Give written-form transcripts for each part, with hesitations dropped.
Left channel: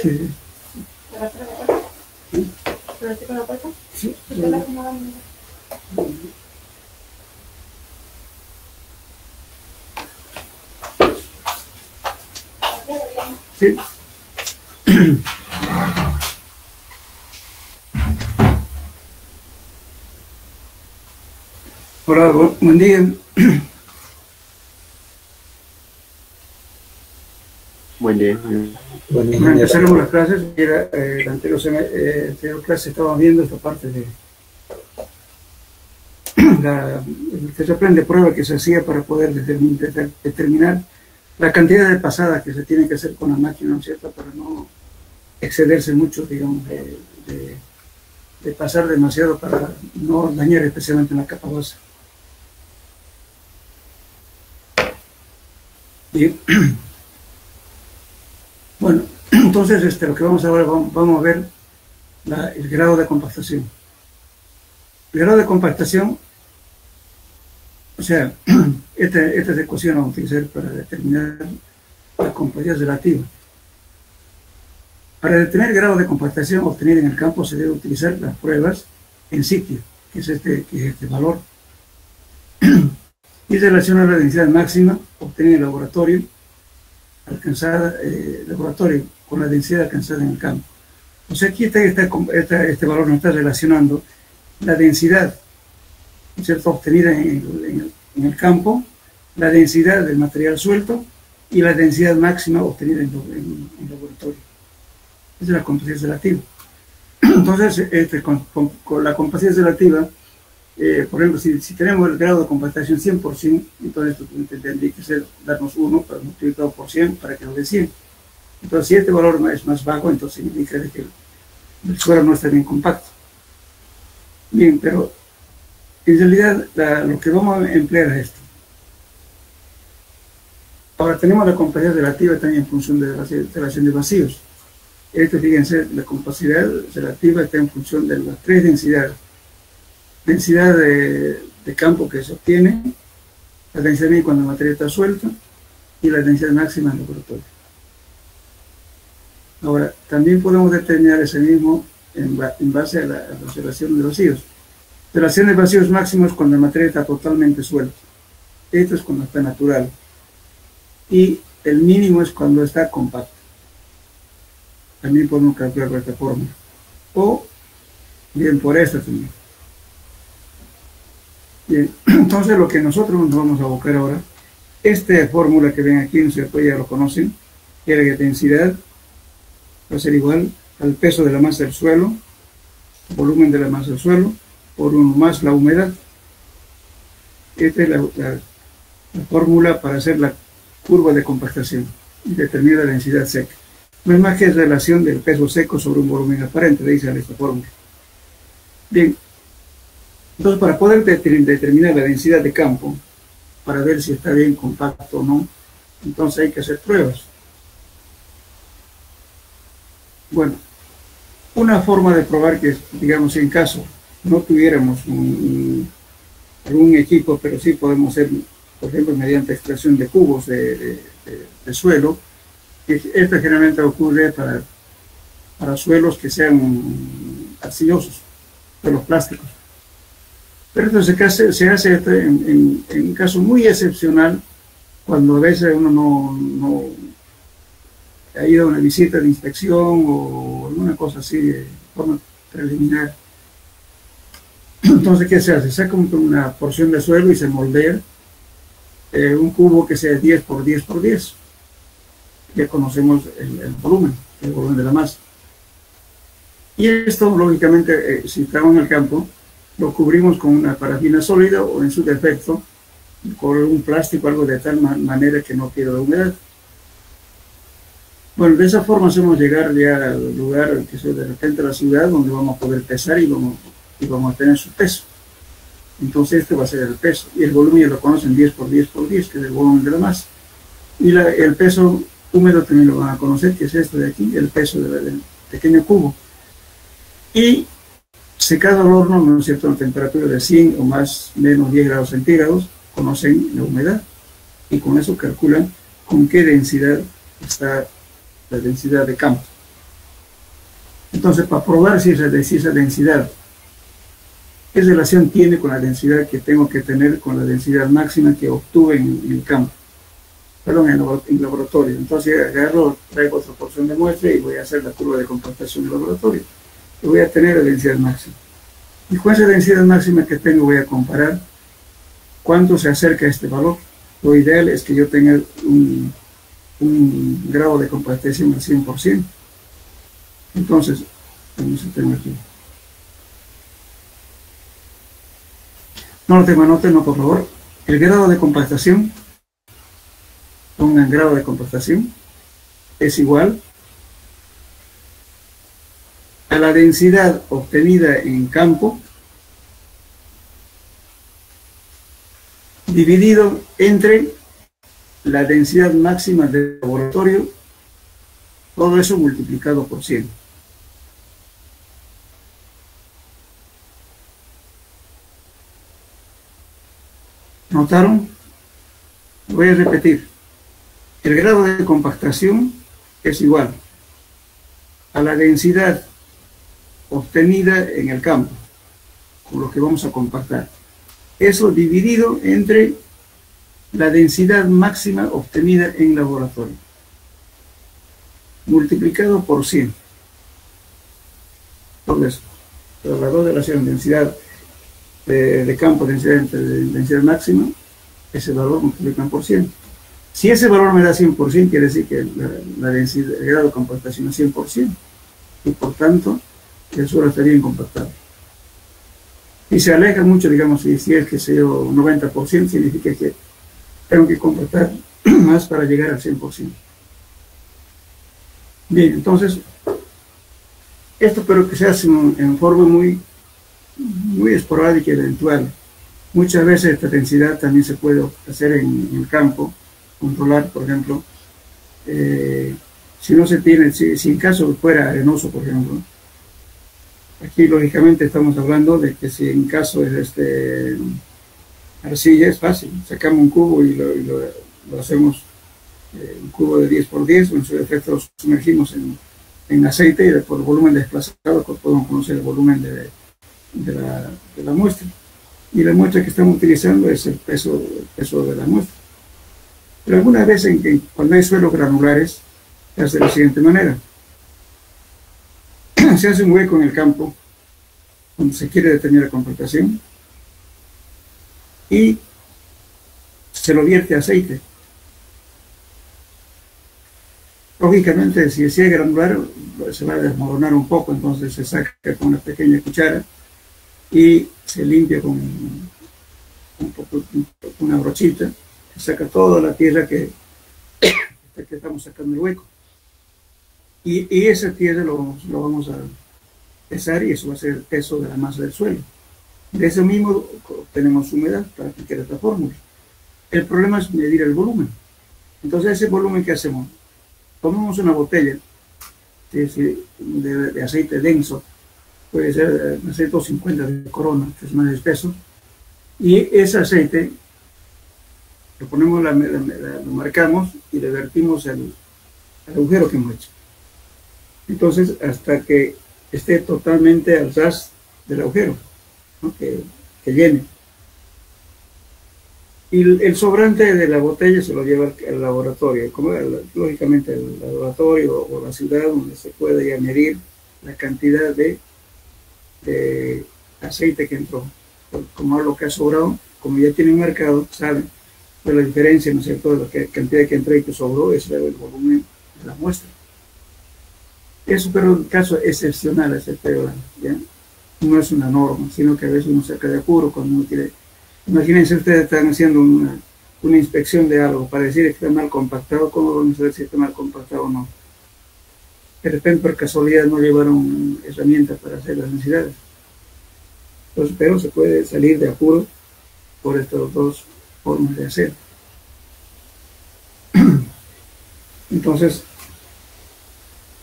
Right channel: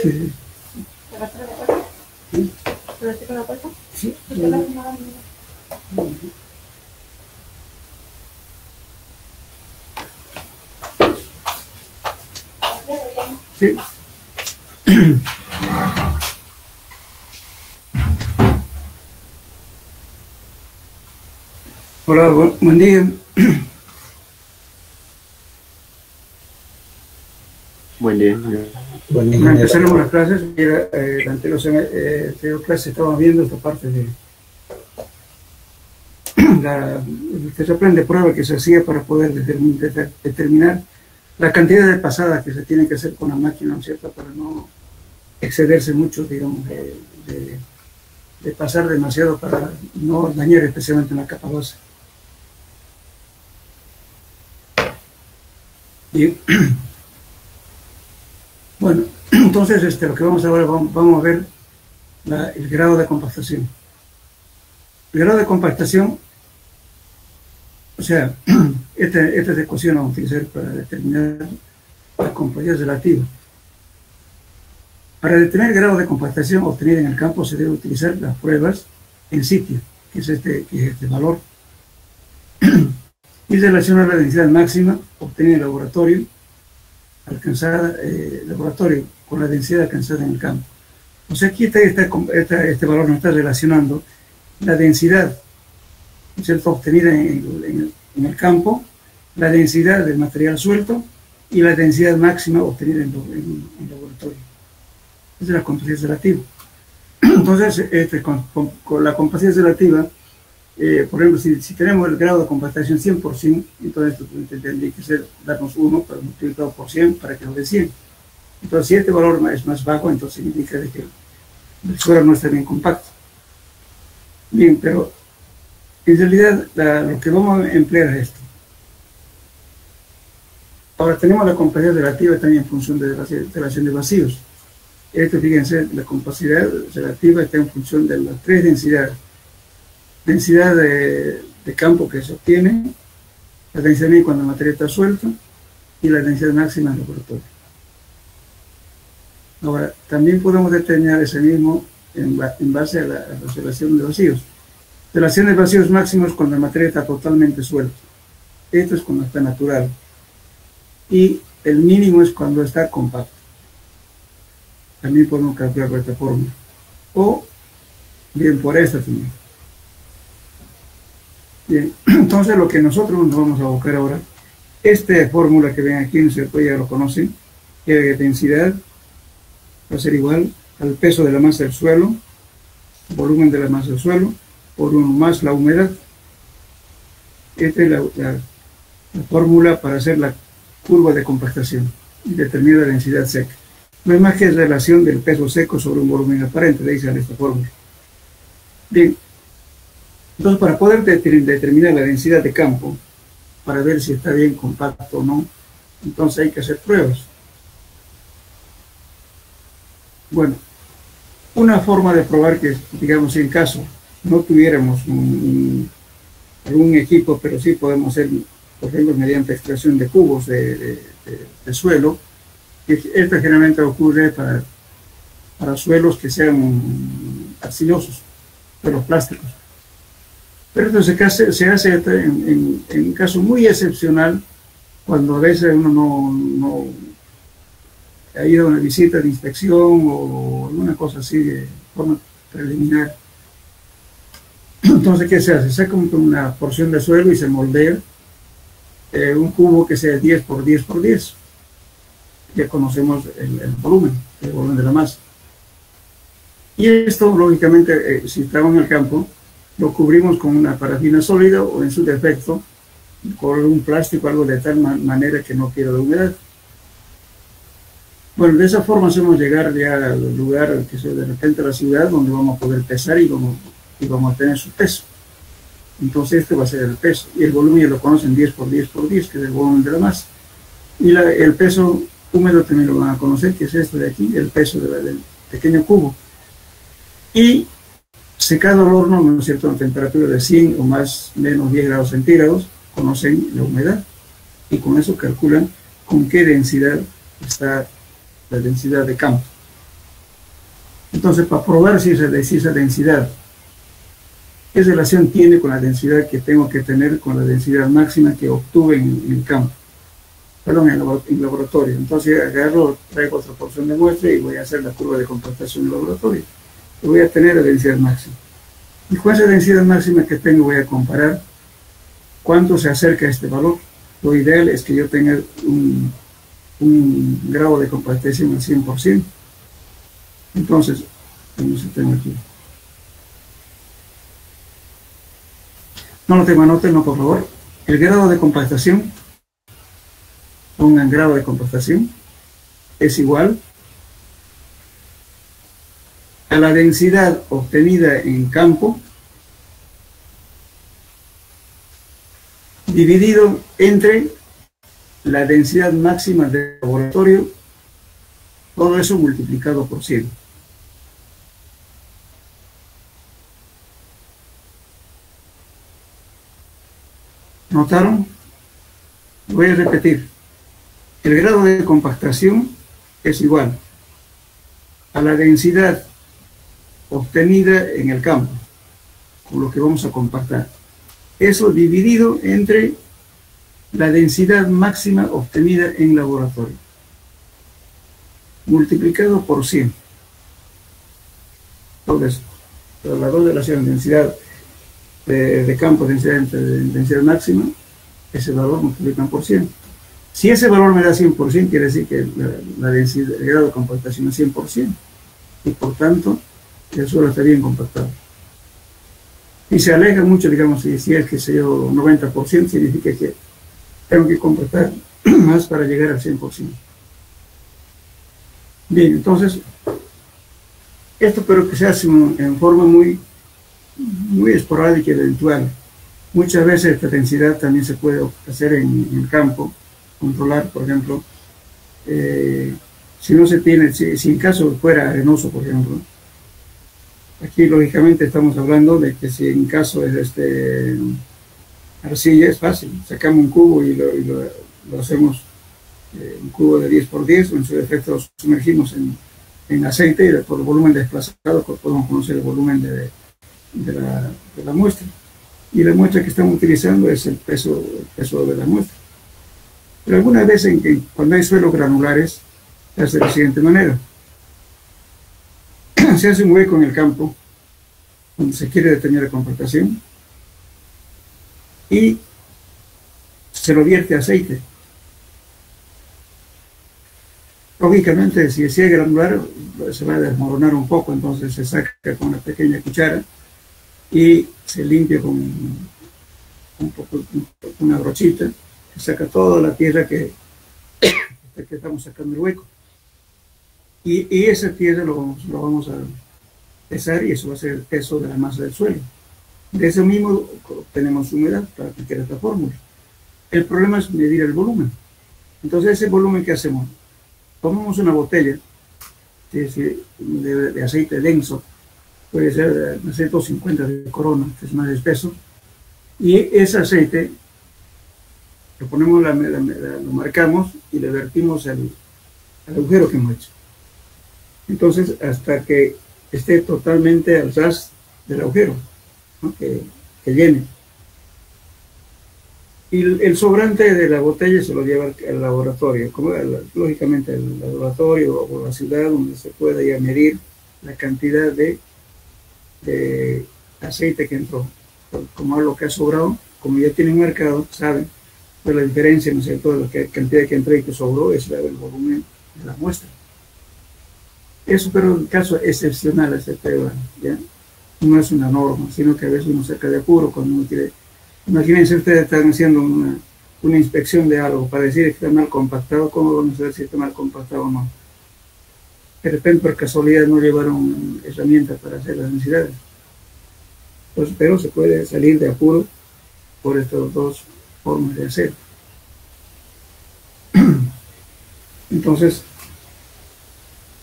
Sí. Sí. Sí. Hola, buen día. Buen día. Bueno, empezaremos las clases. La anterior clase estábamos viendo esta parte de el terraplén de prueba que se hacía para poder determinar la cantidad de pasadas que se tiene que hacer con la máquina, ¿no es cierto?, para no excederse mucho, digamos, de pasar demasiado para no dañar especialmente la capa base. Bien. Bueno, entonces lo que vamos ahora, vamos a ver el grado de compactación. El grado de compactación, o sea, esta ecuación la vamos a utilizar para determinar la compacidad relativa. Para determinar el grado de compactación obtenido en el campo se debe utilizar las pruebas en sitio, que es este valor, y relacionar la densidad máxima obtenida en el laboratorio con la densidad alcanzada en el campo. O sea, aquí este valor nos está relacionando la densidad, ¿cierto?, obtenida en el campo, la densidad del material suelto y la densidad máxima obtenida en el laboratorio. Esa es la compacidad relativa. Entonces, con la compacidad relativa, por ejemplo, si tenemos el grado de compactación 100%, entonces tendría que darnos 1 multiplicado por 100 para que nos dé 100. Entonces, si este valor es más bajo, entonces significa que el suelo no está bien compacto. Bien, pero en realidad lo que vamos a emplear es esto. Ahora tenemos la compacidad relativa también en función de la relación de vacíos. Fíjense, la compacidad relativa está en función de las tres densidades. Densidad de campo que se obtiene, la densidad mínima cuando el material está suelto y la densidad máxima en el laboratorio. Ahora, también podemos determinar ese mismo en base a la relación de vacíos. Relación de vacíos máximos cuando el material está totalmente suelto. Esto es cuando está natural. Y el mínimo es cuando está compacto. También podemos calcular por esta forma. O bien por esta también. Bien, entonces lo que nosotros nos vamos a abocar ahora, esta fórmula que ven aquí, ¿no es cierto?, ya lo conocen, que la densidad va a ser igual al peso de la masa del suelo, volumen de la masa del suelo, por 1 más la humedad. Esta es la fórmula para hacer la curva de compactación y determinar la densidad seca. No es más que relación del peso seco sobre un volumen aparente, le dicen esta fórmula. Bien, entonces para poder determinar la densidad de campo, para ver si está bien compacto o no, entonces hay que hacer pruebas. Bueno, una forma de probar que, digamos, en caso no tuviéramos algún equipo, pero sí podemos hacer, por ejemplo, mediante extracción de cubos de suelo, que esto generalmente ocurre para suelos que sean arcillosos, suelos plásticos. Pero esto se hace en un caso muy excepcional, cuando a veces uno no ha ido a una visita de inspección o alguna cosa así de forma preliminar. Entonces, ¿qué se hace? Se saca una porción de suelo y se moldea un cubo que sea 10 por 10 por 10. Ya conocemos el volumen de la masa. Y esto, lógicamente, si estamos en el campo, lo cubrimos con una parafina sólida o, en su defecto, con un plástico, algo de tal manera que no pierda humedad. Bueno, de esa forma hacemos llegar ya al lugar, que sea de repente a la ciudad, donde vamos a poder pesar y vamos a tener su peso. Entonces este va a ser el peso. Y el volumen ya lo conocen 10 por 10 por 10, que es el volumen de la masa. Y el peso húmedo también lo van a conocer, que es esto de aquí, el peso del pequeño cubo. Y secado al horno, ¿no es cierto?, a una temperatura de 100 o más menos 10 grados centígrados, conocen la humedad. Y con eso calculan con qué densidad está la densidad de campo. Entonces, para probar si esa densidad, qué relación tiene con la densidad que tengo que tener con la densidad máxima que obtuve en el campo, perdón, en el laboratorio. Entonces agarro, traigo otra porción de muestra y voy a hacer la curva de compactación del laboratorio. Y voy a tener la densidad máxima. Y con esa densidad máxima que tengo voy a comparar cuánto se acerca a este valor. Lo ideal es que yo tenga un grado de compactación al 100%. Entonces, vamos a tener aquí. No lo tengo, anótenlo por favor. El grado de compactación, pongan grado de compactación, es igual a la densidad obtenida en campo dividido entre la densidad máxima del laboratorio, todo eso multiplicado por 100. ¿Notaron? Voy a repetir. El grado de compactación es igual a la densidad obtenida en el campo, con lo que vamos a compactar. Eso dividido entre la densidad máxima obtenida en laboratorio, multiplicado por 100. Entonces, las dos relaciones, densidad de campo, densidad máxima, ese valor multiplican por 100. Si ese valor me da 100%, quiere decir que la densidad, el grado de compactación es 100%, y por tanto, el suelo está bien compactado. Y se aleja mucho, digamos, si es que sé yo, 90%, significa que tengo que compactar más para llegar al 100%. Bien, entonces, esto pero que se hace en forma muy esporádica y eventual. Muchas veces esta densidad también se puede hacer en el campo, controlar, por ejemplo, si no se tiene, si en caso fuera arenoso, por ejemplo. Aquí, lógicamente, estamos hablando de que si en caso de arcilla es fácil. Sacamos un cubo y lo hacemos un cubo de 10 por 10, en su defecto lo sumergimos en aceite y por volumen desplazado podemos conocer el volumen de la muestra. Y la muestra que estamos utilizando es el peso de la muestra. Pero algunas veces cuando hay suelos granulares, se hace de la siguiente manera. Se hace un hueco en el campo donde se quiere determinar la compactación y se lo vierte aceite. Lógicamente, si es granular, se va a desmoronar un poco, entonces se saca con una pequeña cuchara y se limpia con una brochita, se saca toda la tierra que estamos sacando el hueco. Y esa tierra lo vamos a pesar y eso va a ser el peso de la masa del suelo. De ese mismo obtenemos humedad para aplicar esta fórmula. El problema es medir el volumen. Entonces, ese volumen que hacemos, tomamos una botella de aceite denso, puede ser de 150 de Corona, que es más espeso, y ese aceite lo ponemos, lo marcamos y le vertimos al agujero que hemos hecho. Entonces, hasta que esté totalmente al ras del agujero, ¿no? que llene. Y el sobrante de la botella se lo lleva al laboratorio, lógicamente al laboratorio o la ciudad donde se puede ya medir la cantidad de aceite que entró. Como lo que ha sobrado, como ya tienen marcado, saben de la diferencia, ¿no es cierto?, de la cantidad que entró y que sobró, es el volumen de la muestra. Eso, pero en caso excepcional, excepcional, ¿ya? No es una norma, sino que a veces uno saca de apuro cuando uno quiere. Imagínense, ustedes están haciendo una inspección de algo para decir que está mal compactado. ¿Cómo vamos a saber si está mal compactado o no? De repente, por casualidad, no llevaron herramientas para hacer las densidades. Entonces, pero se puede salir de apuro por estas dos formas de hacer. Entonces,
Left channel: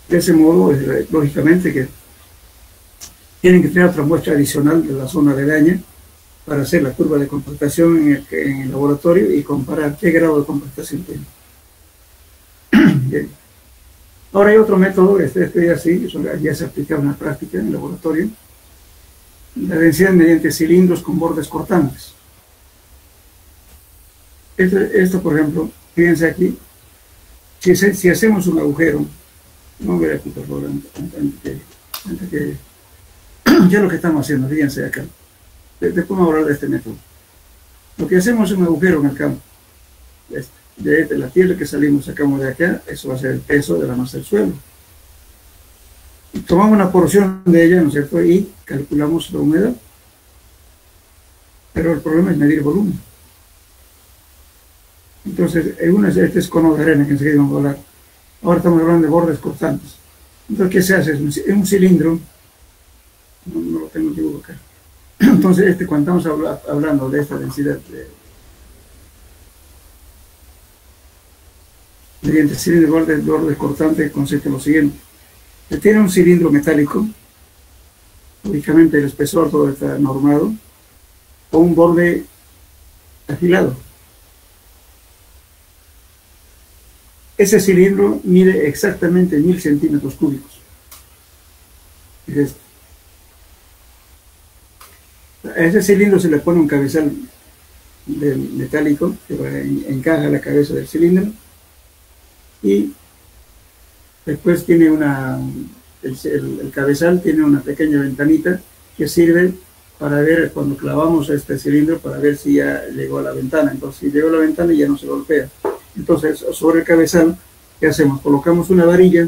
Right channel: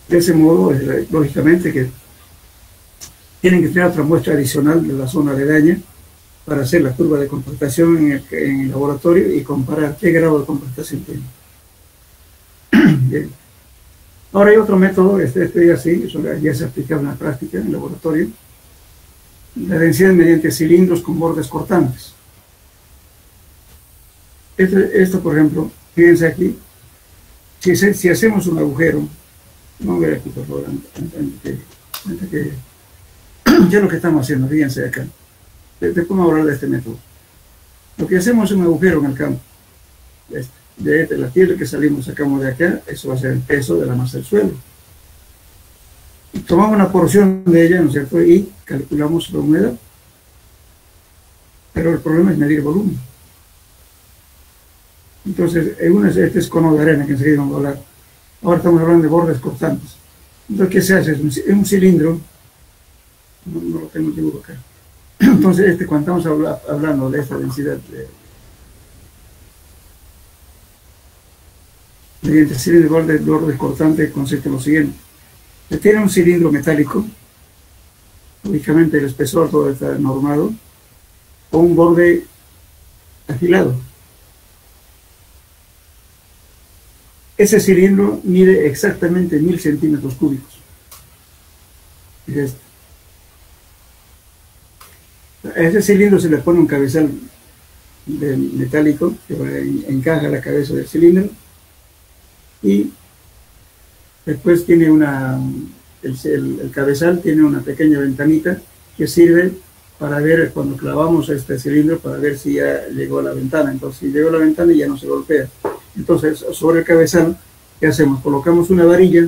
de ese modo, lógicamente que tienen que tener otra muestra adicional de la zona aledaña para hacer la curva de compactación en el laboratorio y comparar qué grado de compactación tiene. Bien. Ahora hay otro método, este ya sí, eso ya se aplicaba en la práctica, en el laboratorio, la densidad mediante cilindros con bordes cortantes. Esto, por ejemplo, fíjense aquí, si hacemos un agujero, no voy aquí por favor, antes que ya lo que estamos haciendo, fíjense acá, después vamos a hablar de este método. Lo que hacemos es un agujero en el campo, de la tierra que salimos, sacamos de acá, eso va a ser el peso de la masa del suelo. Y tomamos una porción de ella, ¿no es cierto? Y calculamos la humedad. Pero el problema es medir volumen. Entonces, este es cono de arena que enseguida vamos a hablar. Ahora estamos hablando de bordes cortantes. Entonces, ¿qué se hace? Es un cilindro, no lo tengo dibujo acá. Entonces, cuando estamos hablando de esta densidad mediante cilindro de bordes cortantes, consiste en lo siguiente. Se tiene un cilindro metálico, lógicamente el espesor todo está normado, o un borde afilado. Ese cilindro mide exactamente 1000 centímetros cúbicos. A ese cilindro se le pone un cabezal metálico que encaja la cabeza del cilindro y después tiene el cabezal tiene una pequeña ventanita que sirve para ver cuando clavamos este cilindro para ver si ya llegó a la ventana. Entonces, si llegó a la ventana ya no se golpea. Entonces, sobre el cabezal, ¿qué hacemos? Colocamos una varilla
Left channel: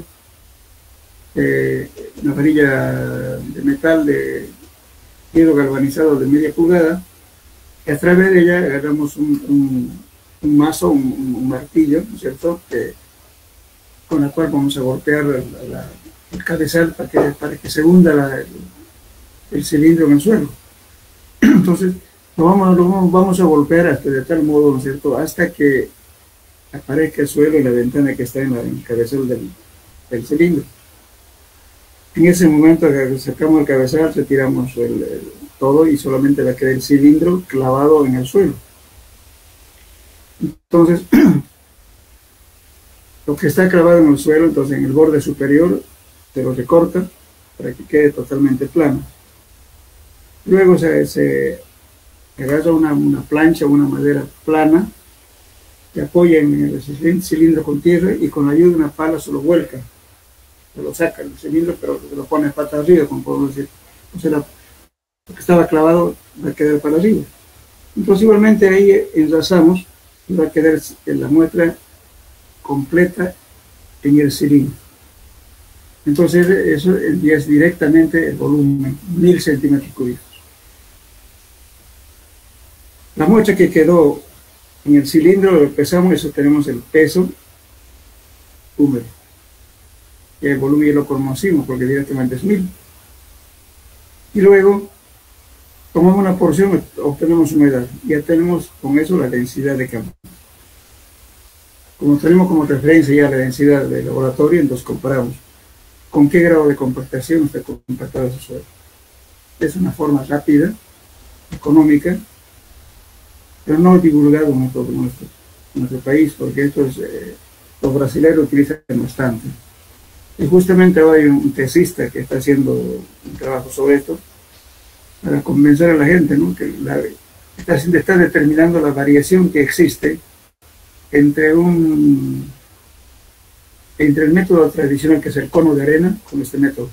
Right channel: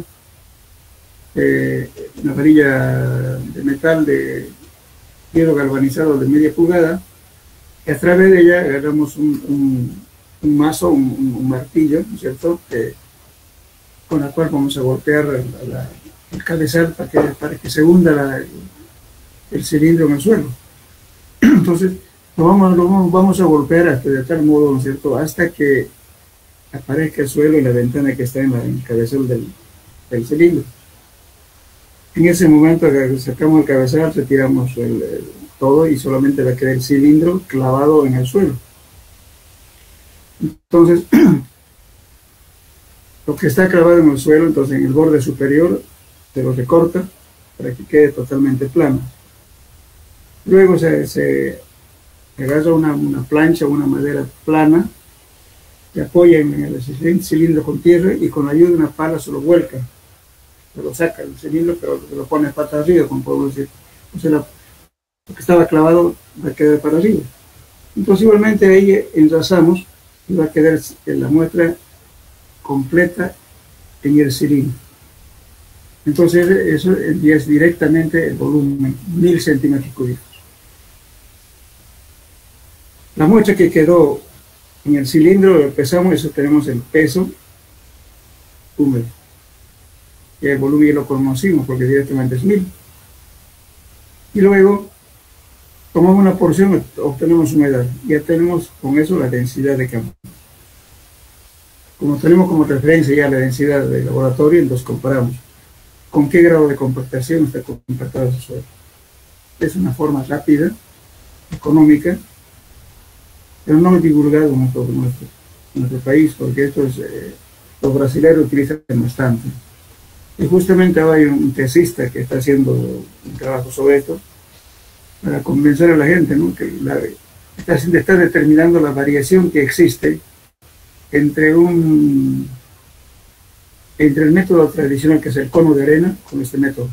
de metal de hierro galvanizado de media pulgada, y a través de ella agarramos un mazo, un martillo, ¿no es cierto?, con la cual vamos a golpear el cabezal para que se hunda el cilindro en el suelo. Entonces, lo vamos a golpear de tal modo, ¿no es cierto?, hasta que aparezca el suelo y la ventana que está en el cabezal del cilindro. En ese momento sacamos el cabezal, retiramos todo y solamente va a quedar el cilindro clavado en el suelo. Entonces, lo que está clavado en el suelo, entonces en el borde superior se lo recorta para que quede totalmente plano. Luego se agarra una plancha, una madera plana, se apoya en el cilindro con tierra y con la ayuda de una pala se lo vuelca. Se lo saca el cilindro, pero se lo pone pata arriba, como puedo decir. Entonces lo que estaba clavado va a quedar para arriba. Entonces igualmente ahí enlazamos y va a quedar la muestra completa en el cilindro. Entonces eso es directamente el volumen, 1000 centímetros cúbicos. La muestra que quedó en el cilindro lo pesamos, eso tenemos el peso húmedo. Y el volumen ya lo conocimos porque directamente es 1000. Y luego tomamos una porción, obtenemos humedad. Ya tenemos con eso la densidad de campo. Como tenemos como referencia ya la densidad del laboratorio, entonces comparamos con qué grado de compactación está compactado ese suelo. Es una forma rápida, económica, pero no divulgado en nuestro país, porque esto los brasileños utilizan bastante. Y justamente ahora hay un tesista que está haciendo un trabajo sobre esto para convencer a la gente, ¿no?, que está determinando la variación que existe entre el método tradicional, que es el cono de arena, con este método.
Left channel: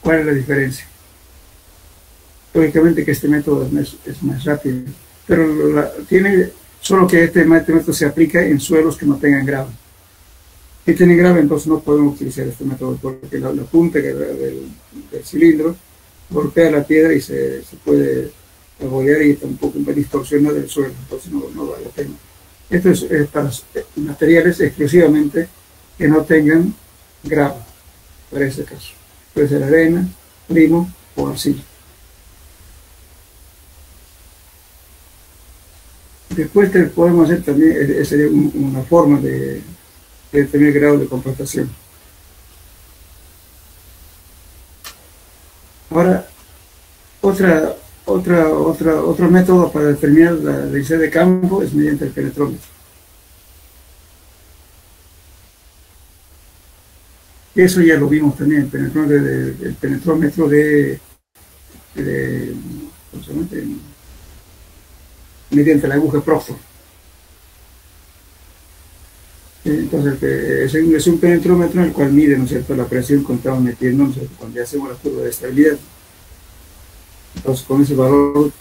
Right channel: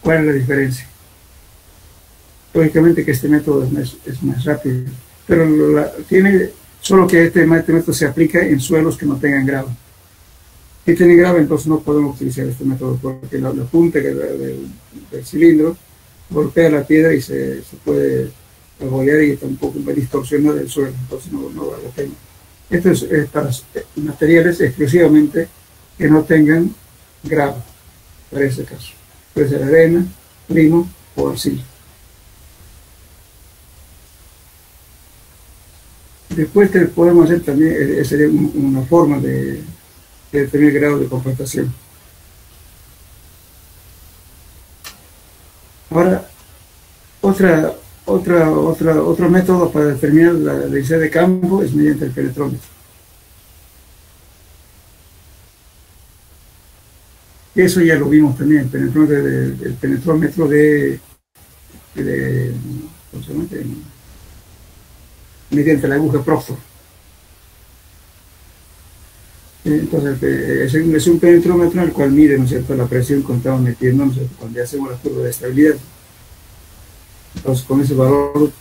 ¿Cuál es la diferencia? Lógicamente que este método es más rápido, pero solo que este método se aplica en suelos que no tengan grava. Si tienen grava, entonces no podemos utilizar este método, porque la punta del cilindro golpea la piedra y se puede abollar y está un poco distorsionado el suelo, entonces no vale la pena. Esto es para materiales exclusivamente que no tengan grava, para ese caso. Puede ser arena, limo o arcilla. Después podemos hacer también, sería una forma de determinar el grado de compactación. Ahora, otro método para determinar la densidad de campo es mediante el penetrómetro. Eso ya lo vimos también, el penetrómetro de ¿cómo se llama? Mediante la aguja Proctor. Entonces, es un penetrómetro en el cual mide, ¿no es cierto?, la presión que estamos metiendo, ¿no es cierto?, cuando hacemos la curva de estabilidad. Entonces, con ese valor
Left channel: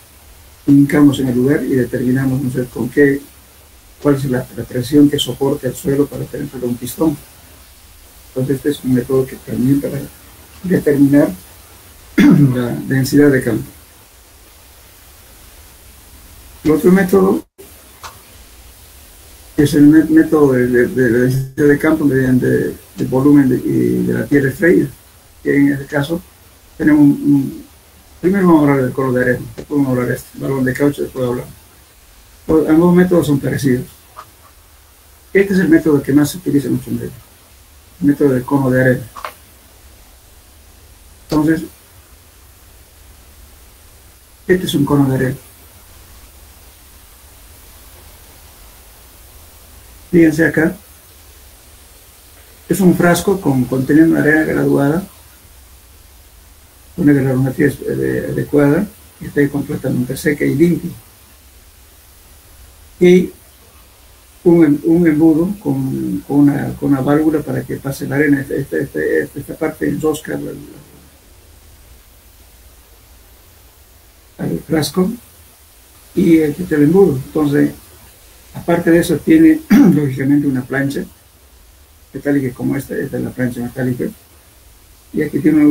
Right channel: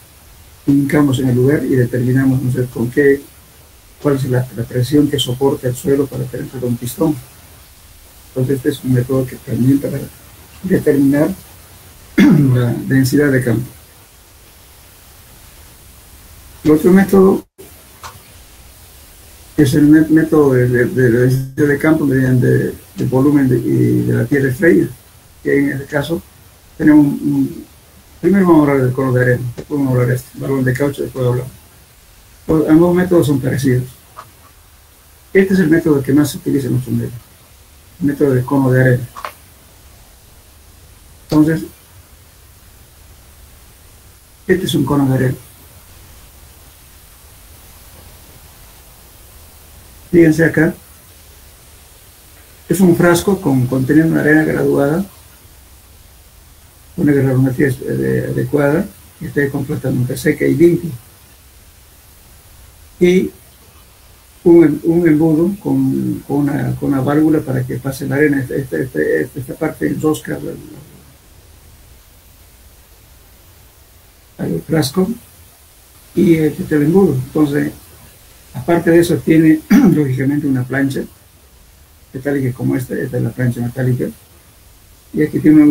indicamos en el lugar y determinamos, ¿no es cierto?, cuál es la presión que soporta el suelo para penetrar un pistón. Entonces, este es un método que permite para determinar la densidad de campo. El otro método es el método de densidad de campo mediante el volumen de la tierra extraída, que en este caso tenemos primero vamos a hablar del cono de arena, después vamos a hablar de este balón de caucho, después hablar. Ambos métodos son parecidos. Este es el método que más se utiliza en nuestro medio, el método del cono de arena. Entonces, este es un cono de arena. Fíjense acá, es un frasco conteniendo una arena graduada, una granulometría adecuada, que esté completamente seca y limpia. Y un embudo con una válvula para que pase la arena. Esta parte enrosca al frasco y el embudo. Entonces, aparte de eso, tiene lógicamente una plancha metálica como esta es la plancha metálica, y aquí tiene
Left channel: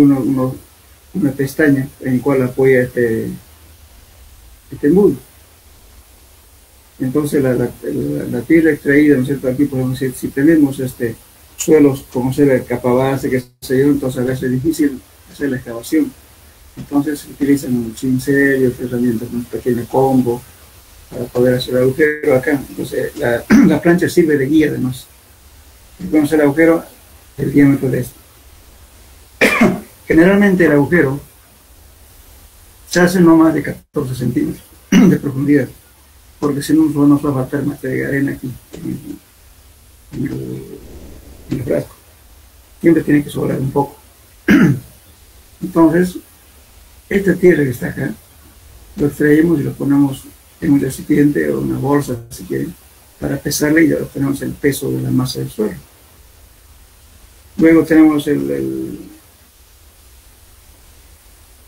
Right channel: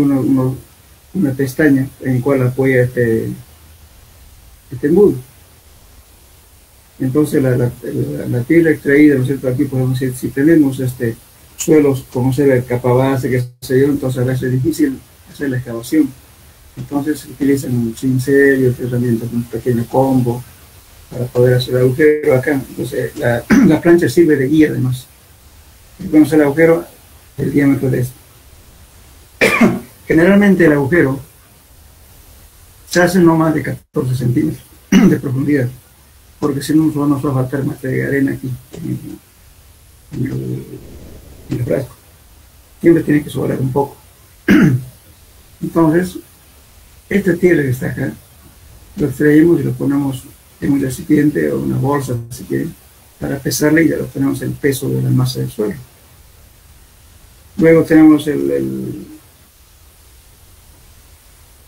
una pestaña en la cual apoya este embudo. Entonces la tierra extraída, ¿no es cierto? Aquí podemos decir, si tenemos suelos como ser el capabase, que se yo, entonces a veces es difícil hacer la excavación. Entonces se utilizan un cincel y otras herramientas, un pequeño combo para poder hacer el agujero acá. Entonces la plancha sirve de guía además. Entonces el agujero, el diámetro de este. Generalmente el agujero se hace no más de 14 centímetros de profundidad, porque si no nos va a faltar más de arena aquí en el frasco. Siempre tiene que sobrar un poco. Entonces, esta tierra que está acá, lo extraemos y lo ponemos en un recipiente o una bolsa, si quieren, para pesarla, y ya obtenemos el peso de la masa del suelo. Luego tenemos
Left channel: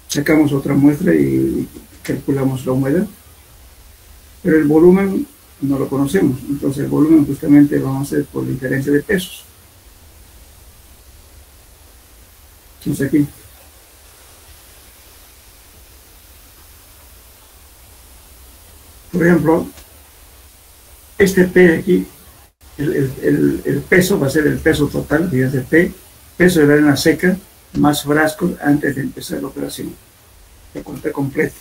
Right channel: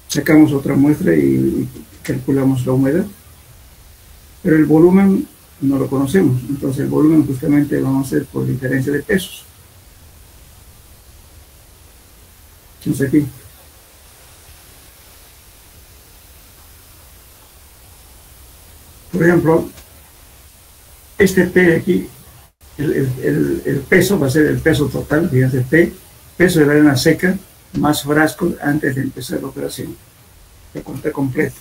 sacamos otra muestra y calculamos la humedad, pero el volumen no lo conocemos. Entonces el volumen justamente vamos a hacer por diferencia de pesos. Entonces aquí por ejemplo, este P de aquí, el peso va a ser el peso total, fíjense, peso de la arena seca más frasco antes de empezar la operación. Se cuenta completo.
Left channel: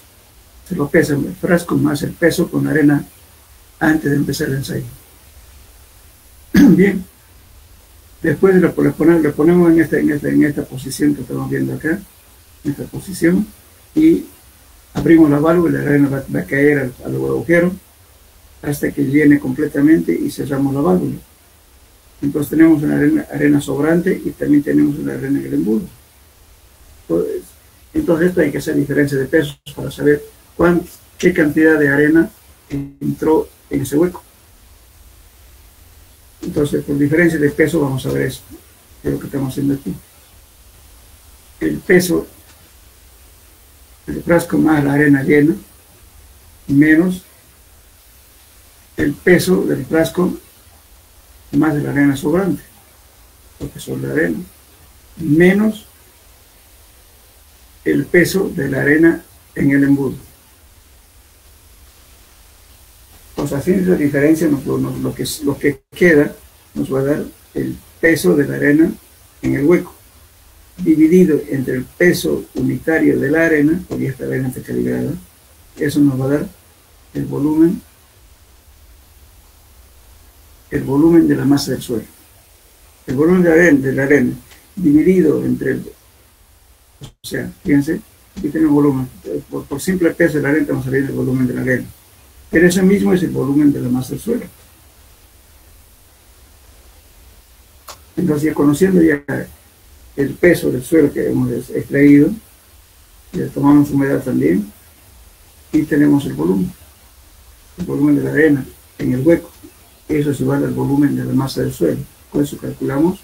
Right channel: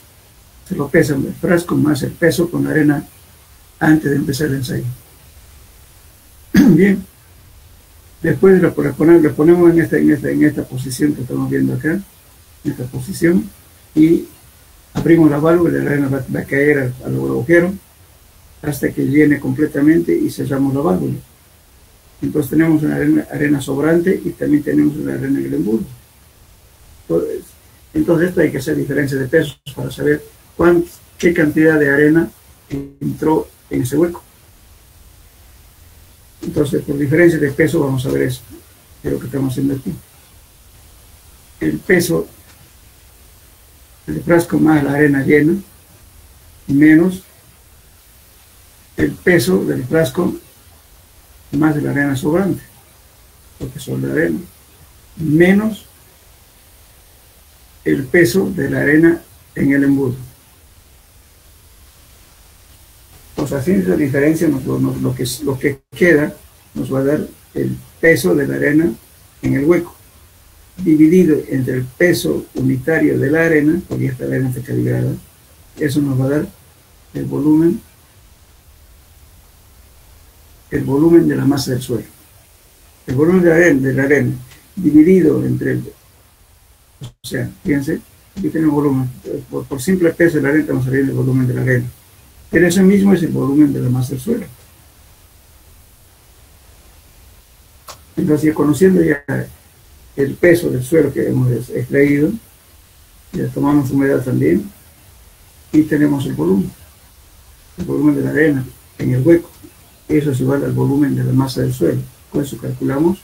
Se lo pesa el frasco más el peso con la arena antes de empezar el ensayo. Bien. Después lo ponemos en esta posición que estamos viendo acá, en esta posición, y abrimos la válvula y la arena va a caer al agujero hasta que llene completamente y cerramos la válvula. Entonces tenemos una arena sobrante y también tenemos una arena en el embudo. Entonces esto hay que hacer diferencia de pesos para saber qué cantidad de arena entró en ese hueco. Entonces por diferencia de peso vamos a ver eso, que es lo que estamos haciendo aquí. El peso del frasco más la arena llena menos el peso del frasco más de la arena sobrante, porque son de arena, menos el peso de la arena en el embudo. Entonces, haciendo esa diferencia, lo que queda nos va a dar el peso de la arena en el hueco, dividido entre el peso unitario de la arena, porque esta arena está calibrada. Eso nos va a dar el volumen de la masa del suelo. El volumen de la arena dividido entre o sea, fíjense, aquí tenemos volumen, por simple peso de la arena vamos a ver el volumen de la arena, pero ese mismo es el volumen de la masa del suelo. Entonces, ya conociendo ya el peso del suelo que hemos extraído, y le tomamos humedad también, y tenemos el volumen de la arena en el hueco. Eso es igual al volumen de la masa del suelo. Con eso calculamos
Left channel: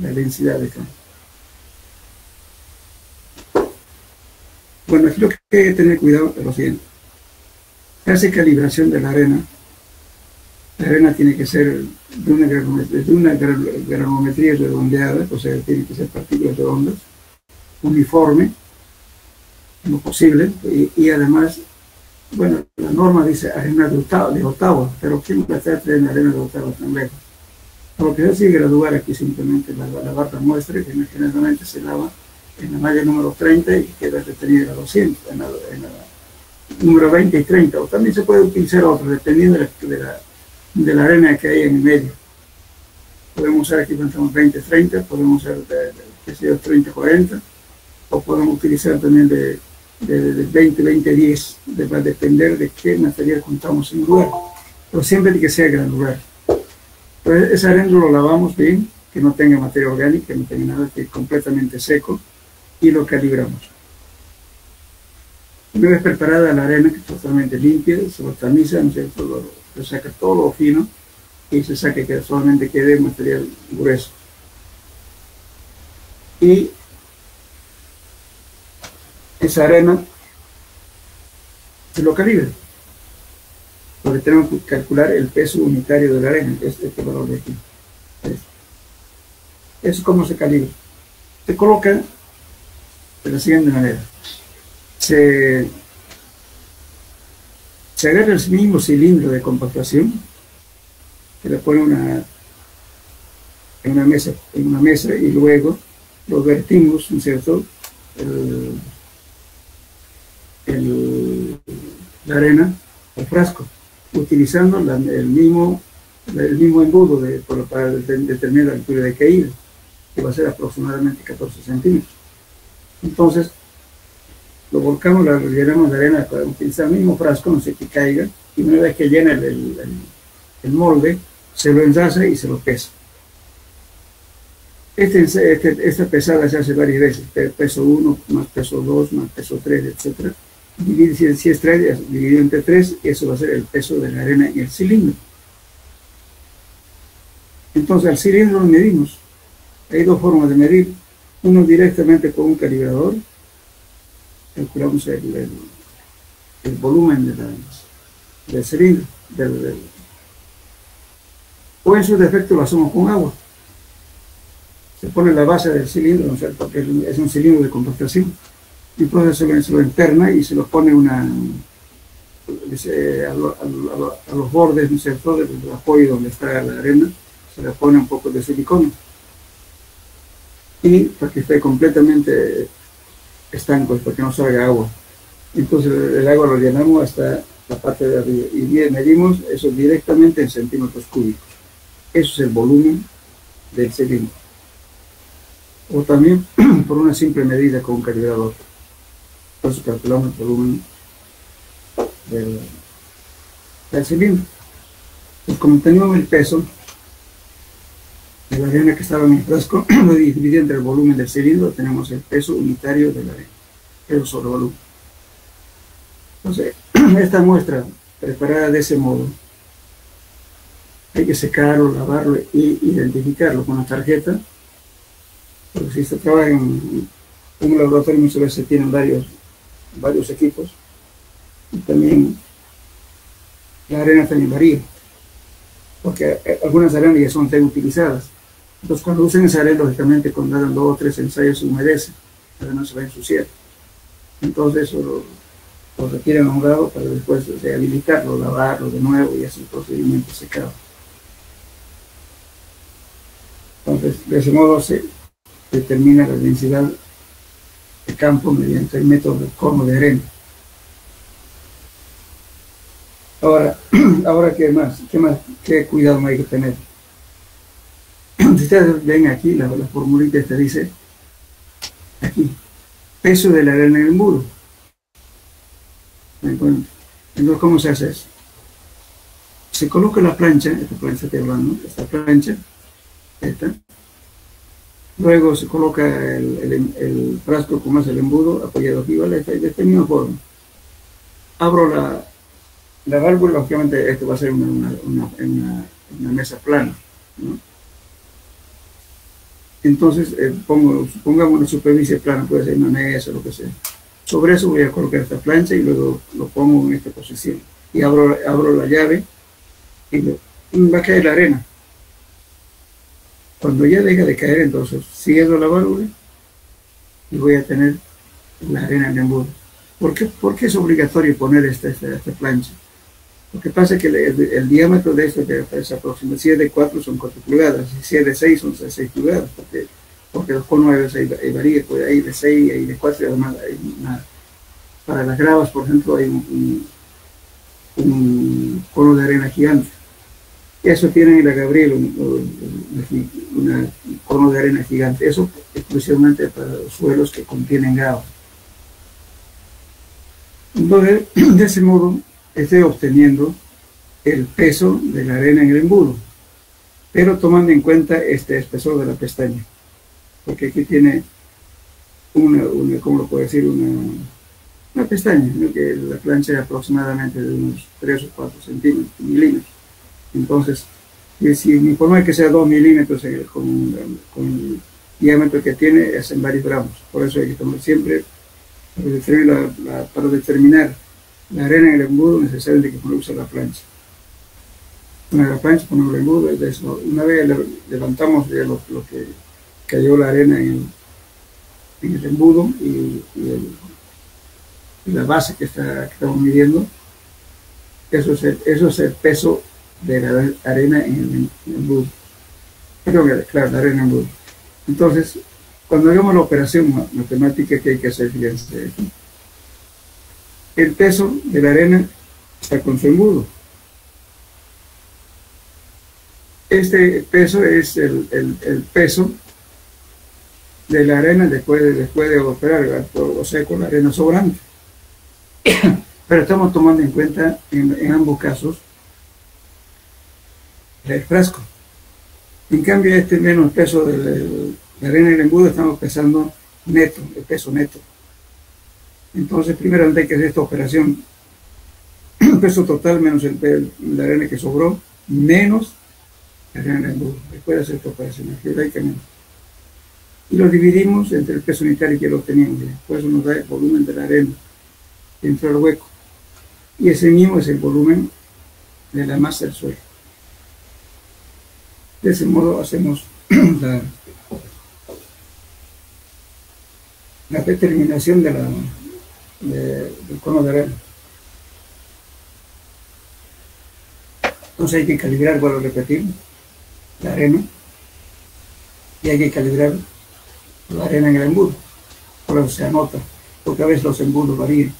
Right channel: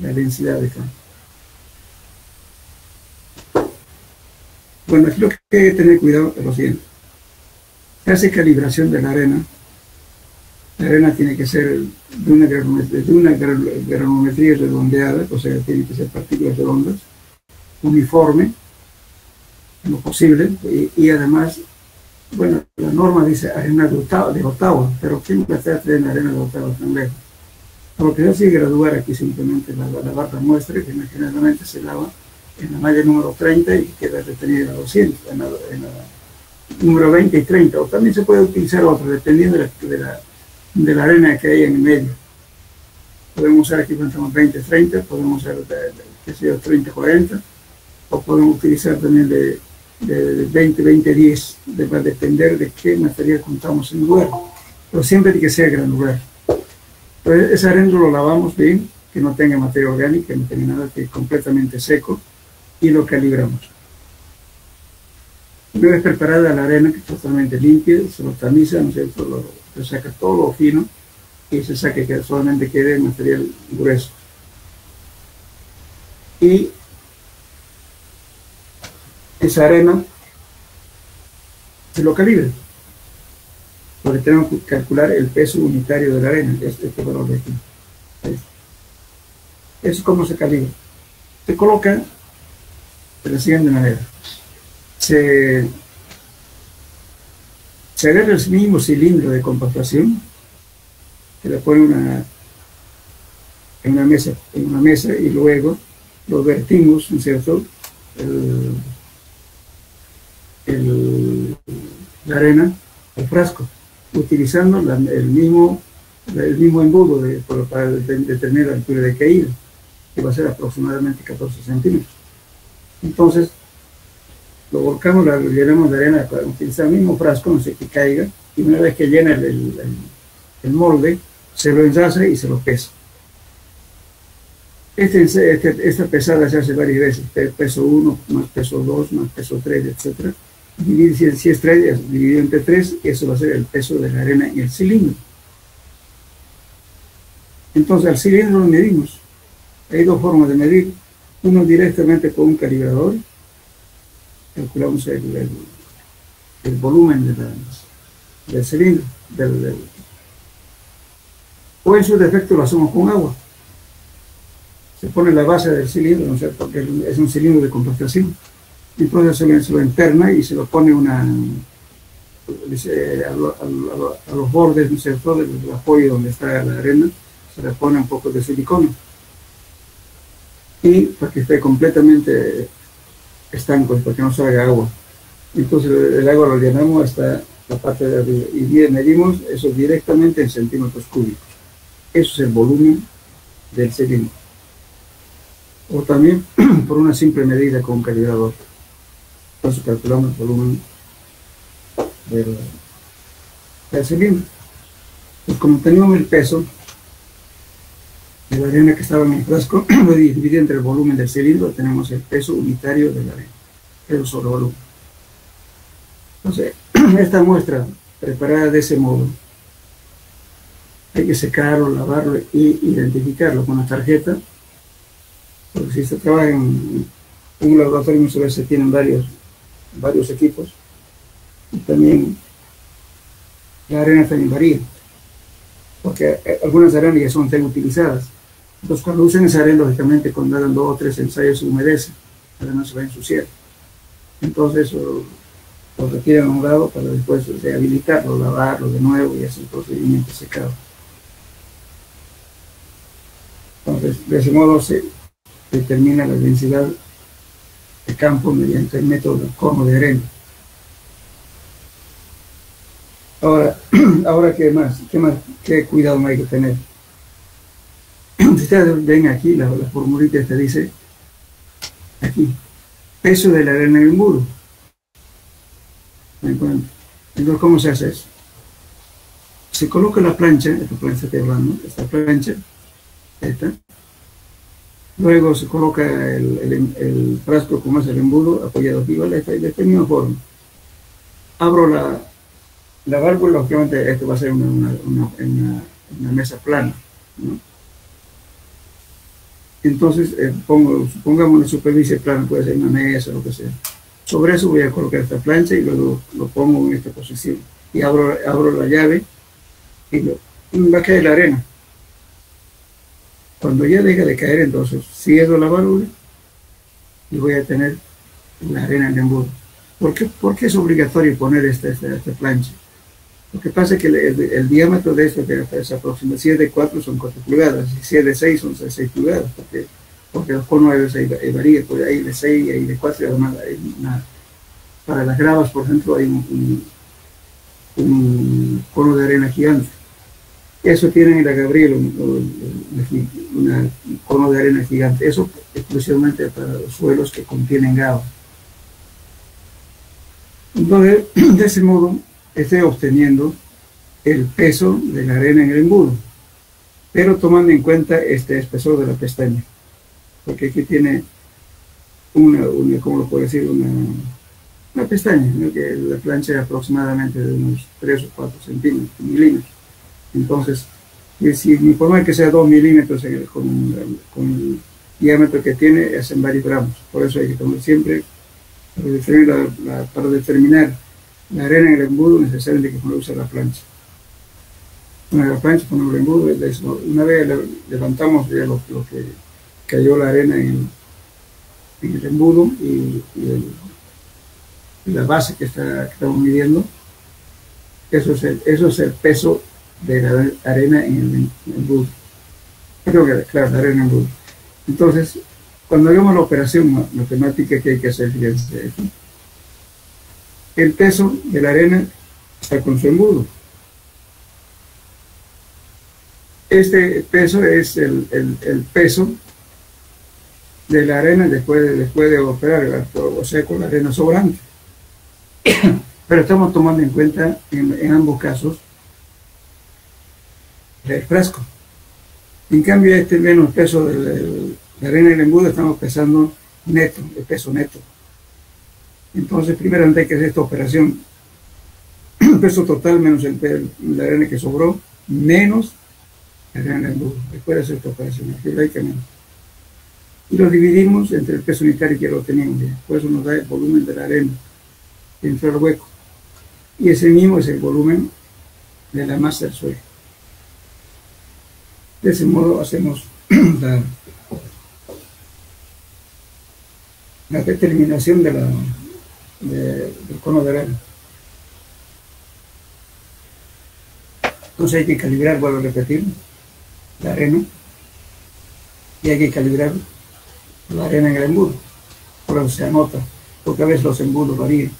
la densidad de campo. Bueno, aquí lo que hay que tener cuidado es lo siguiente. Se hace calibración de la arena. La arena tiene que ser de una granulometría redondeada, o sea, tiene que ser partículas redondas, uniforme, en lo posible, y además, bueno, la norma dice arena de Ottawa, pero ¿quién va a estar trayendo arena de Ottawa tan lejos? Lo que se hace es graduar aquí simplemente lavar la muestra, que generalmente se lava en la malla número 30 y queda retenida en la 200, en la número 20 y 30, o también se puede utilizar otra, dependiendo de la arena que hay en el medio. Podemos usar aquí cuando estamos 20, 30, podemos usar qué sé yo, 30, 40, o podemos utilizar también de 20, 20, 10, va a depender de qué material contamos en el lugar, pero siempre tiene que ser granular. Entonces esa arena lo lavamos bien, que no tenga materia orgánica, que no tenga nada, que es completamente seco, y lo calibramos. Una vez preparada la arena, que es totalmente limpia, se lo tamiza, ¿no es cierto? Se saca todo lo fino y se saca que solamente quede material grueso. Y esa arena se lo calibra, porque tenemos que calcular el peso unitario de la arena, este valor de aquí. Eso es como se calibra. Se coloca de la siguiente manera. Se agarra el mismo cilindro de compactación, se le pone en una mesa y luego lo vertimos, ¿no es cierto?, la arena al frasco, utilizando el mismo embudo para determinar la altura de caída, que va a ser aproximadamente 14 centímetros. Entonces, lo volcamos, lo llenamos de arena para utilizar el mismo frasco, no sé que caiga, y una vez que llena el molde, se lo ensaza y se lo pesa. Esta pesada se hace varias veces, peso 1, más peso 2, más peso 3, etc. Si es 3, dividido entre 3, eso va a ser el peso de la arena en el cilindro. Entonces al cilindro lo medimos. Hay dos formas de medir. Uno directamente con un calibrador, calculamos el volumen del cilindro, o en su defecto lo hacemos con agua. Se pone la base del cilindro, ¿no es cierto?, porque es un cilindro de compactación. Entonces se lo interna y se lo pone a los bordes, ¿no es cierto?, del apoyo donde está la arena, se le pone un poco de silicona. Y para que esté completamente estanco, para que no salga agua. Entonces el agua lo llenamos hasta la parte de arriba y medimos eso directamente en centímetros cúbicos. Eso es el volumen del cilindro. O también por una simple medida con un calibrador. Entonces calculamos el volumen del cilindro. Pues como tenemos el peso de la arena que estaba en el frasco, lo dividí entre el volumen del cilindro, tenemos el peso unitario de la arena, peso sobre volumen. Entonces, esta muestra preparada de ese modo, hay que secarlo, lavarlo y identificarlo con la tarjeta, porque si se trabaja en un laboratorio muchas veces tienen varios equipos, y también la arena también varía, porque algunas arenas ya son utilizadas. Entonces cuando usen esa arena, lógicamente cuando hagan 2 o 3 ensayos se humedece, para no se va a ensuciar. Entonces eso lo retiran a un lado para después rehabilitarlo, lavarlo de nuevo y hacer el procedimiento secado. Entonces de ese modo se determina la densidad de campo mediante el método del cono de arena. Ahora ¿qué cuidado hay que tener? Si ustedes ven aquí, la formulita te dice, aquí, peso de la arena en el muro. Entonces, ¿cómo se hace eso? Se coloca la plancha, esta plancha, Luego se coloca el frasco con más el embudo apoyado arriba de esta misma forma. Abro la válvula, obviamente esto va a ser una mesa plana, ¿no? Entonces supongamos una superficie plana, puede ser una mesa, lo que sea. Sobre eso voy a colocar esta plancha y luego lo pongo en esta posición. Y abro la llave y va a caer la arena. Cuando ya deja de caer, entonces cierro la válvula y voy a tener la arena en el embudo. ¿Por qué es obligatorio poner esta plancha? Lo que pasa es que el diámetro de esto es aproximadamente, si es de 4 son 4 pulgadas, si es de 6 son 6 pulgadas, porque los conos ahí varían, pues hay de 6, hay de 4 y además hay para las gravas, por ejemplo, hay un cono de arena gigante. Eso tienen en la Gabriel, un cono de arena gigante. Eso exclusivamente para los suelos que contienen grava. Entonces, de ese modo, estoy obteniendo el peso de la arena en el embudo, pero tomando en cuenta este espesor de la pestaña, porque aquí tiene ¿cómo lo puedo decir? Una pestaña, ¿no? Que la plancha es aproximadamente de unos 3 o 4 milímetros. Entonces, si mi forma que sea 2 milímetros con el diámetro que tiene, es en varios gramos. Por eso hay que tomar siempre, para determinar la arena en el embudo, necesariamente que uno use la plancha. Poner la plancha, poner el embudo, una vez levantamos ya lo que cayó la arena en el embudo y la base que estamos midiendo, eso es el peso de la arena en el embudo. Claro, la arena en el embudo. Entonces, cuando hagamos la operación matemática que hay que hacer, fíjense aquí, el peso de la arena está con su embudo. Este peso es el peso de la arena después de operar, o sea, con la arena sobrante. Pero estamos tomando en cuenta en ambos casos el frasco. En cambio, menos peso de la arena del embudo, estamos pesando neto, el peso neto. Entonces, primero hay que hacer esta operación. El peso total menos la arena que sobró, menos la arena del embudo. Después de hacer esta operación, algebraicamente. Y lo dividimos entre el peso unitario que lo teníamos. Por eso nos da el volumen de la arena dentro del hueco. Y ese mismo es el volumen de la masa del suelo. De ese modo hacemos la determinación del cono de arena. Entonces hay que calibrar, vuelvo a repetir, la arena, y hay que calibrar la arena en el embudo. Por eso se anota, porque a veces los embudos varían.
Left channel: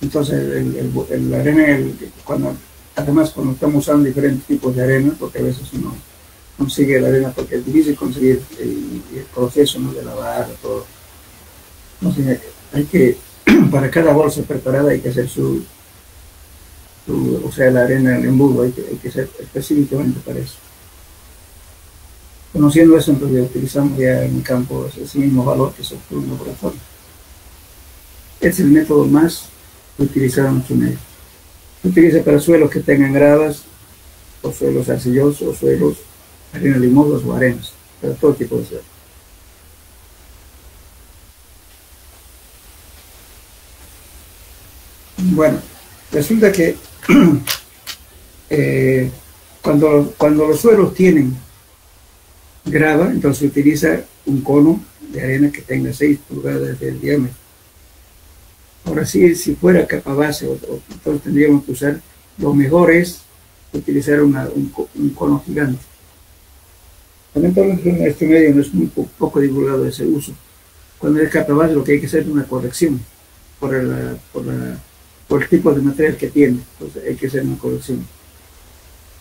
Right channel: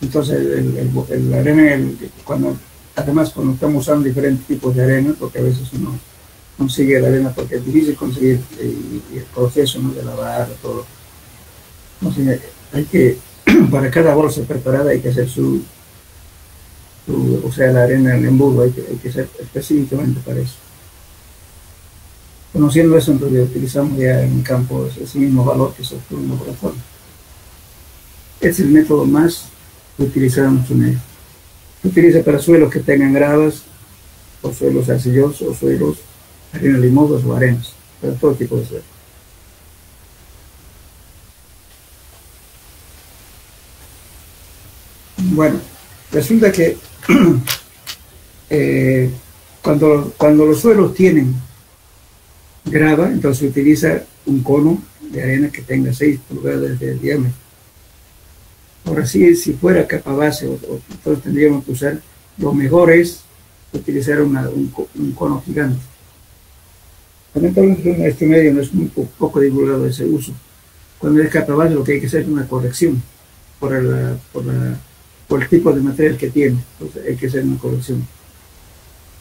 Entonces la arena, además cuando estamos usando diferentes tipos de arena, porque a veces uno consigue la arena porque es difícil conseguir el proceso, ¿no?, de lavar, todo. Entonces hay que, para cada bolsa preparada hay que hacer o sea, la arena en el embudo hay que hacer específicamente para eso. Conociendo eso, entonces utilizamos ya en el campo ese mismo valor que se obtuvo en el laboratorio. Es el método más utilizado en nuestro medio. Se utiliza para suelos que tengan gravas, o suelos arcillosos, o suelos arena limosos o arenas, para todo tipo de suelos. Bueno, resulta que cuando los suelos tienen grava, entonces se utiliza un cono de arena que tenga 6 pulgadas de diámetro. Ahora sí, si fuera capa base, entonces tendríamos que usar, lo mejor es utilizar un cono gigante. Lamentablemente en este medio no es muy poco divulgado ese uso. Cuando es capa base, lo que hay que hacer es una corrección por el tipo de material que tiene. Entonces hay que hacer una corrección.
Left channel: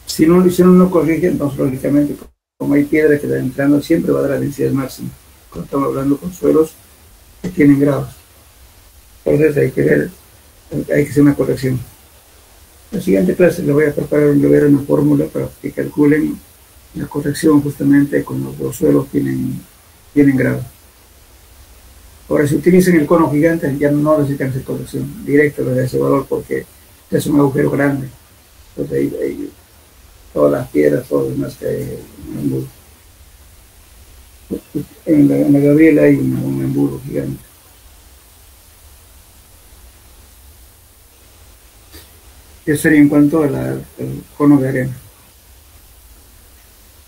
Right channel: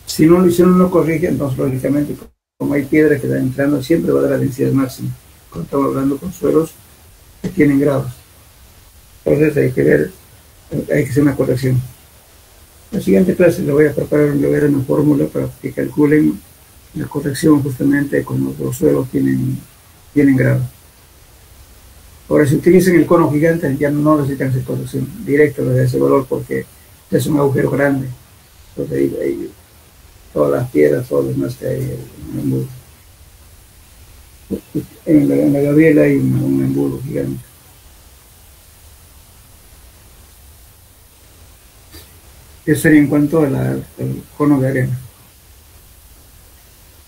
Si no corrige, entonces lógicamente, como hay piedra que está entrando, siempre va a dar la densidad máxima. Cuando estamos hablando con suelos que tienen gravas. Entonces hay que hacer una corrección. En la siguiente clase les voy a preparar una fórmula para que calculen la corrección justamente cuando los suelos tienen tienen grado. Ahora, si utilizan el cono gigante, ya no necesitan esa corrección directa de ese valor porque es un agujero grande. Entonces ahí todas las piedras, todo lo demás que hay en el embudo. En la Gabriela hay un embudo gigante. Eso sería en cuanto al cono de arena.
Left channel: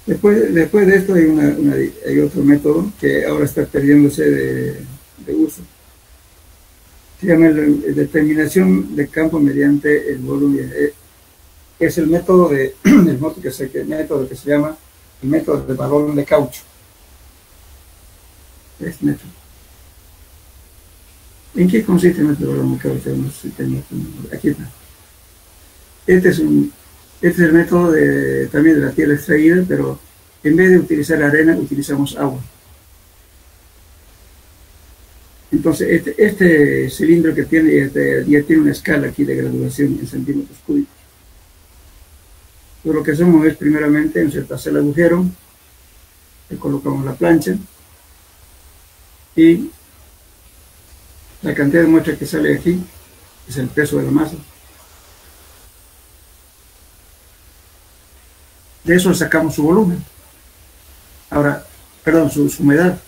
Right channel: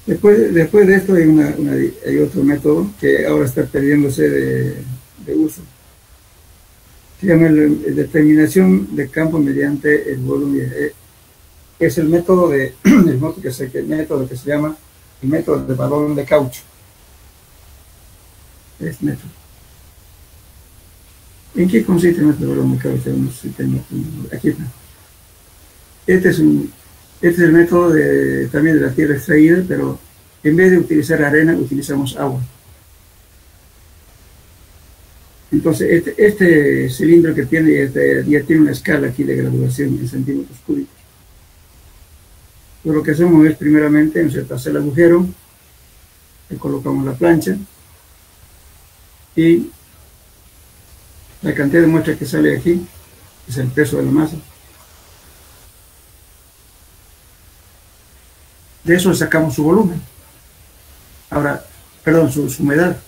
Después de esto hay otro método que ahora está perdiéndose de uso. Se llama determinación de campo mediante el volumen. Es el método que se llama el método de balón de caucho. Este método. ¿En qué consiste el método de balón de caucho? No sé si tengo aquí está. Este es el método también de la tierra extraída, pero en vez de utilizar arena, utilizamos agua. Entonces, este cilindro que tiene ya tiene una escala aquí de graduación en centímetros cúbicos. Entonces, lo que hacemos es, primeramente, hacer el agujero, le colocamos la plancha y la cantidad de muestra que sale aquí es el peso de la masa. De eso sacamos su volumen. Ahora, perdón, su humedad.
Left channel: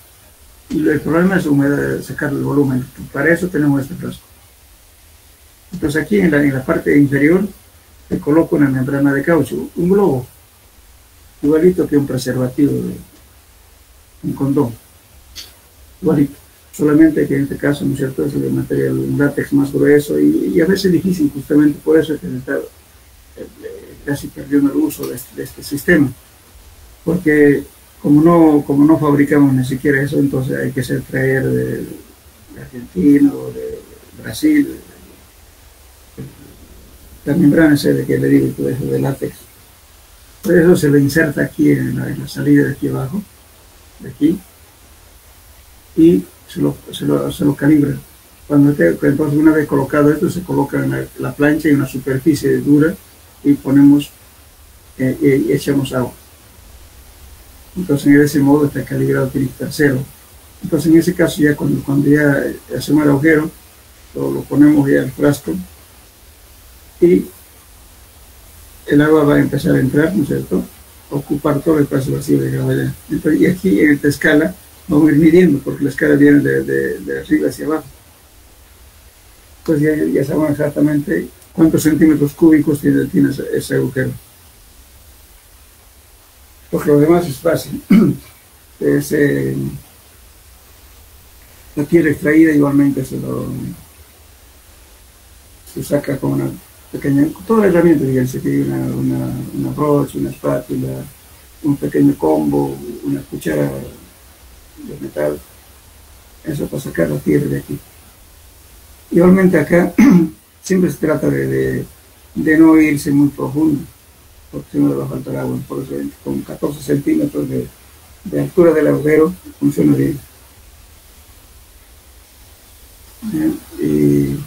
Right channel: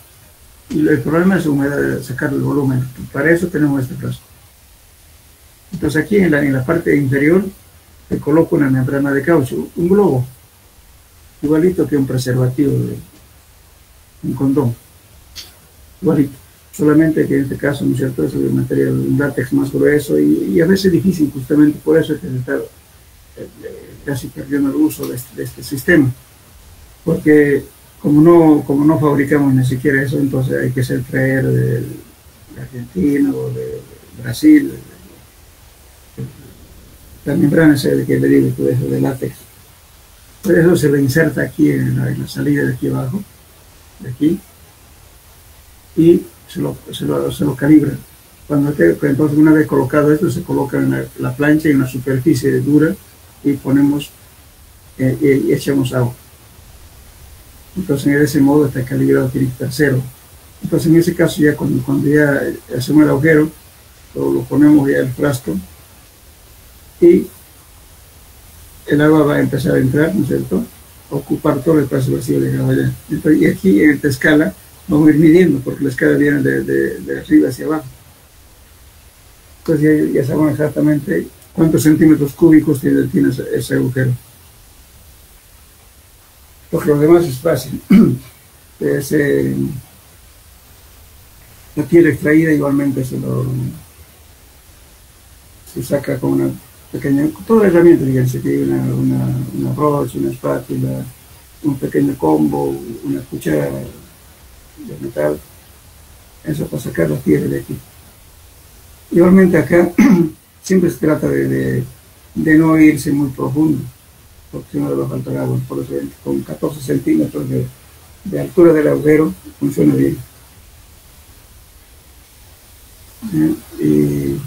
Y el problema es la humedad, sacar el volumen. Para eso tenemos este frasco. Entonces aquí en la parte inferior le coloco una membrana de caucho, un globo, igualito que un preservativo, un condón, igualito. Solamente que en este caso, ¿no es cierto?, es el material, un látex más grueso y a veces difícil, justamente por eso es que se está casi perdiendo el uso de este sistema. Porque como no fabricamos ni siquiera eso, entonces hay que traer de Argentina o de Brasil la membrana esa que le digo, de látex. Por eso se le inserta aquí en la salida de aquí abajo, de aquí, y se lo calibra. Entonces, una vez colocado esto, se coloca en la plancha y una superficie dura y ponemos y echamos agua. Entonces, en ese modo está calibrado, tiene que estar cero. Entonces, en ese caso, ya cuando ya hacemos el agujero, lo ponemos ya al frasco y el agua va a empezar a entrar, ¿no es cierto?, a ocupar todo el espacio vacío de gravedad. Entonces, y aquí en esta escala vamos a ir midiendo, porque la escala viene de arriba hacia abajo. Entonces ya sabemos exactamente cuántos centímetros cúbicos tiene ese agujero. Porque lo demás es fácil. La tierra extraída igualmente se saca con una pequeña, toda la herramienta, fíjense, que hay una brocha, una espátula, un pequeño combo, una cuchara de metal, eso para sacar la tierra de aquí. Igualmente acá siempre se trata de no irse muy profundo, porque si no le va a faltar agua. Por eso con 14 centímetros de altura del agujero funciona bien. Y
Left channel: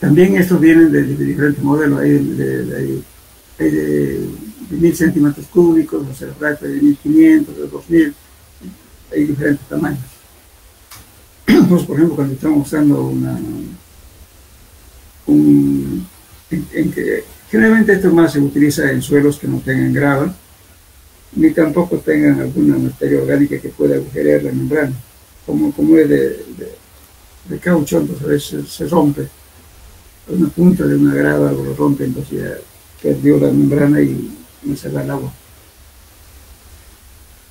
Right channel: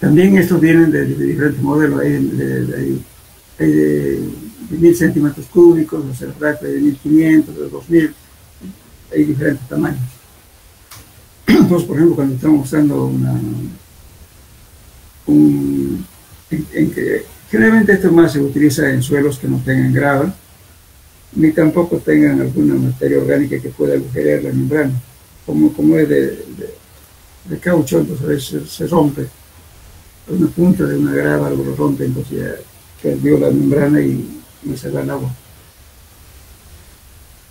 también estos vienen de diferentes modelos. Hay de 1000 centímetros cúbicos, o sea, de 1500, de 2000, hay diferentes tamaños. Entonces, por ejemplo, cuando estamos usando generalmente esto más se utiliza en suelos que no tengan grava, ni tampoco tengan alguna materia orgánica que pueda agujerear la membrana. Como es de caucho, entonces a veces se rompe. Una punta de una grava algo lo rompe, entonces ya perdió la membrana y se va el agua.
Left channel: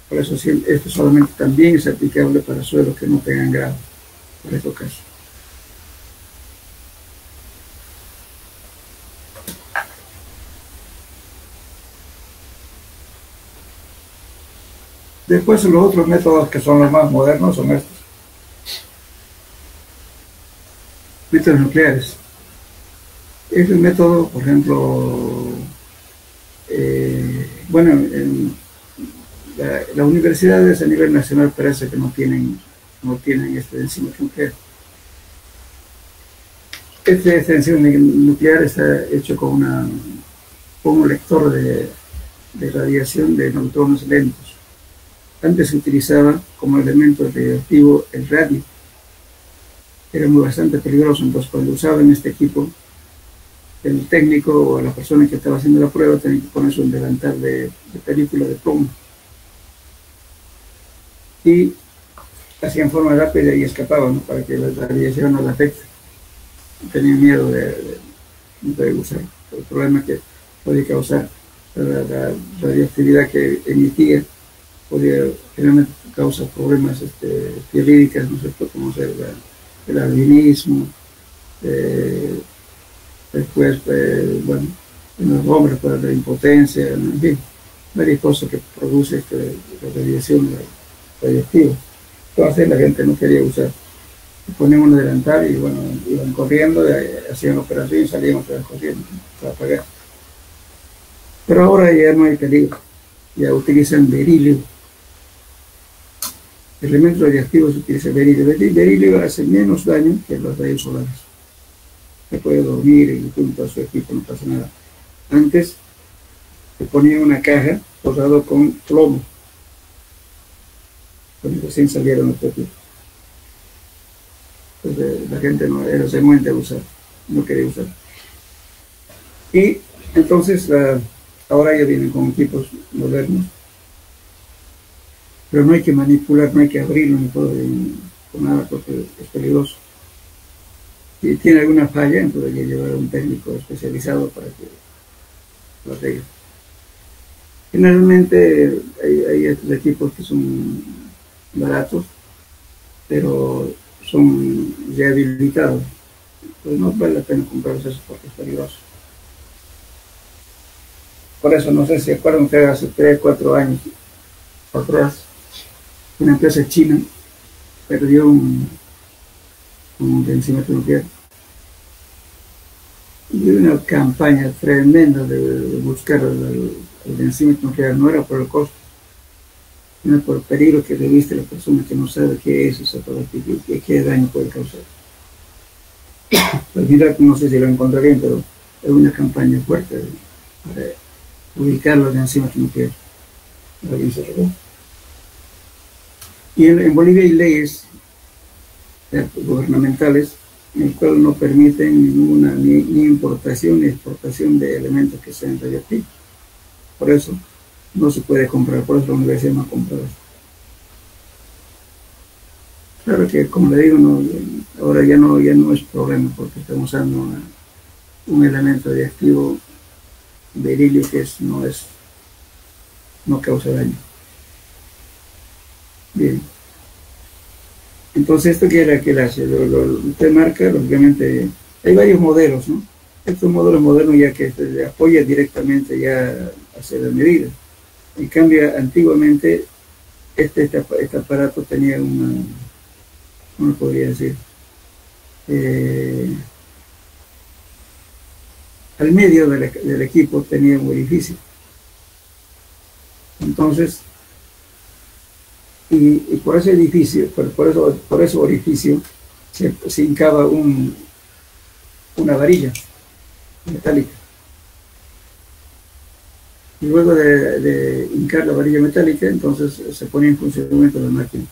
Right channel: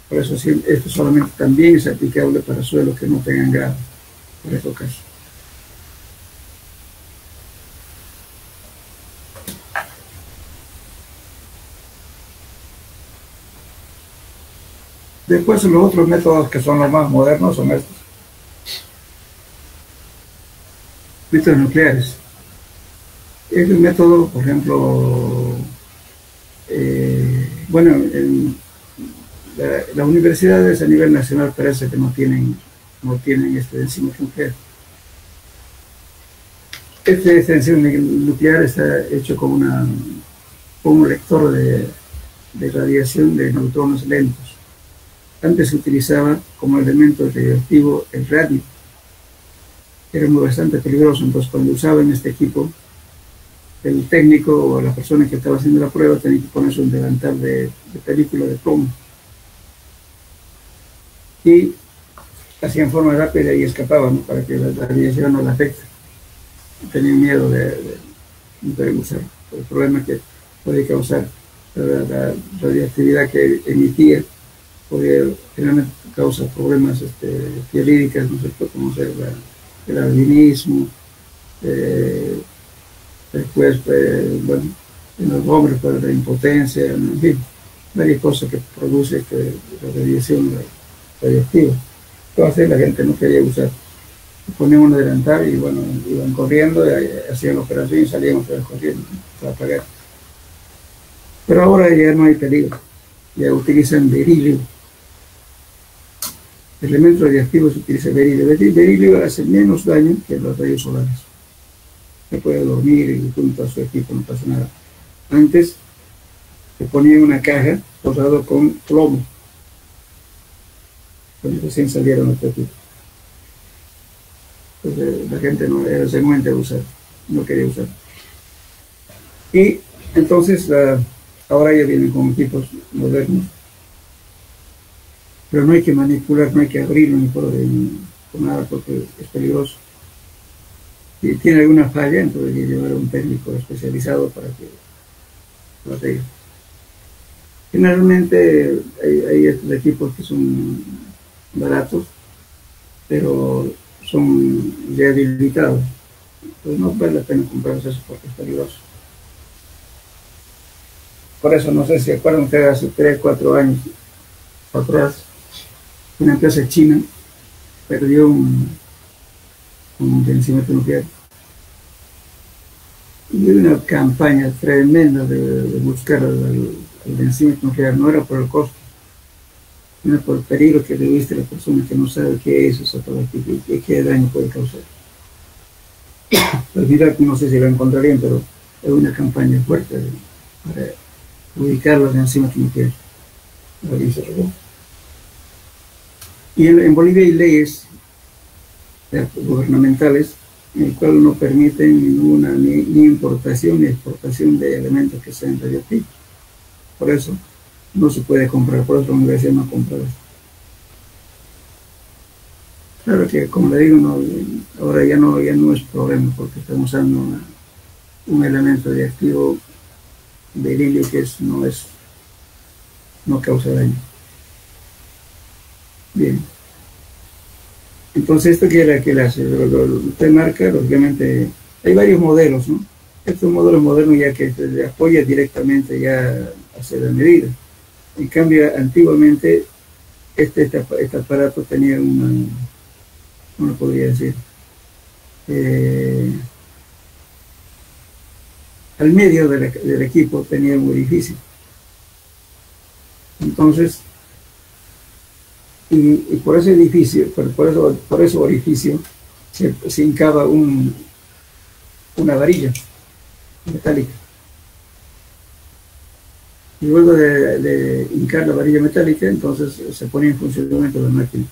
Por eso esto solamente también es aplicable para suelos que no tengan grava, por estos casos. Después los otros métodos que son los más modernos son estos. Métodos nucleares. Es un método, por ejemplo, las universidades a nivel nacional parece que no tienen este enzima nuclear. Este enzima nuclear está hecho con un lector de radiación de neutrones lentos. Antes se utilizaba como elemento radioactivo el radio. Era bastante peligroso, entonces cuando usaban este equipo, el técnico o la persona que estaba haciendo la prueba tenía que ponerse un delantal de película de plomo. Y hacían forma rápida y escapaban, ¿no?, para que la radiación no la afecte. Tenían miedo de usar. El problema que podía causar la radioactividad que emitía podía generalmente causar problemas piolíticos, ¿no es cierto?, como ser el albinismo, después, bueno, en los hombres, pues, la impotencia, en fin, varias cosas que produce la radiación radioactiva. Entonces la gente no quería usar. Ponían un delantal y bueno, iban corriendo, hacían la operación y salían otra vez corriendo para pagar. Pero ahora ya no hay peligro, ya utilizan berilio. El elemento radioactivo se utiliza berilio. El berilio hace menos daño que los rayos solares. Se puede dormir y junto a su equipo, no pasa nada. Antes se ponía una caja forrada con plomo, cuando recién salieron los equipos. Entonces la gente no era renuente a usar, no quería usar. Y entonces ahora ya vienen con equipos modernos, pero no hay que manipular, no hay que abrirlo ni por nada, porque es peligroso. Si tiene alguna falla, entonces hay que llevar a un técnico especializado para que lo arregle. Generalmente hay estos equipos que son baratos, pero son rehabilitados. Entonces no vale la pena comprarlos eso porque es peligroso. Por eso, no sé si acuerdan ustedes, hace 3, 4 años atrás, una empresa china perdió un vencimiento nuclear. Y hubo una campaña tremenda de buscar el vencimiento nuclear. No era por el costo, sino por el peligro que le viste a la persona que no sabe qué es eso, qué daño puede causar. Al final, no sé si lo encontrarían, pero es una campaña fuerte para ubicar los vencimientos nucleares. Y en Bolivia hay leyes gubernamentales en el cual no permiten ninguna ni importación ni exportación de elementos que sean radioactivos. Por eso no se puede comprar, por eso la universidad no ha comprado esto. Claro que, como le digo, ahora ya no es problema porque estamos usando un elemento radioactivo, berilio, que no causa daño. Bien. Entonces, ¿esto qué hace? Usted marca, lógicamente, hay varios modelos, ¿no? Estos modelos modernos ya que se le apoya directamente ya a hacer la medida. En cambio, antiguamente, este aparato tenía ¿cómo podría decir? Al medio del equipo tenía un orificio. Entonces, y por ese edificio, por ese orificio, se hincaba una varilla metálica. Y luego de hincar la varilla metálica, entonces se ponía en funcionamiento la máquina.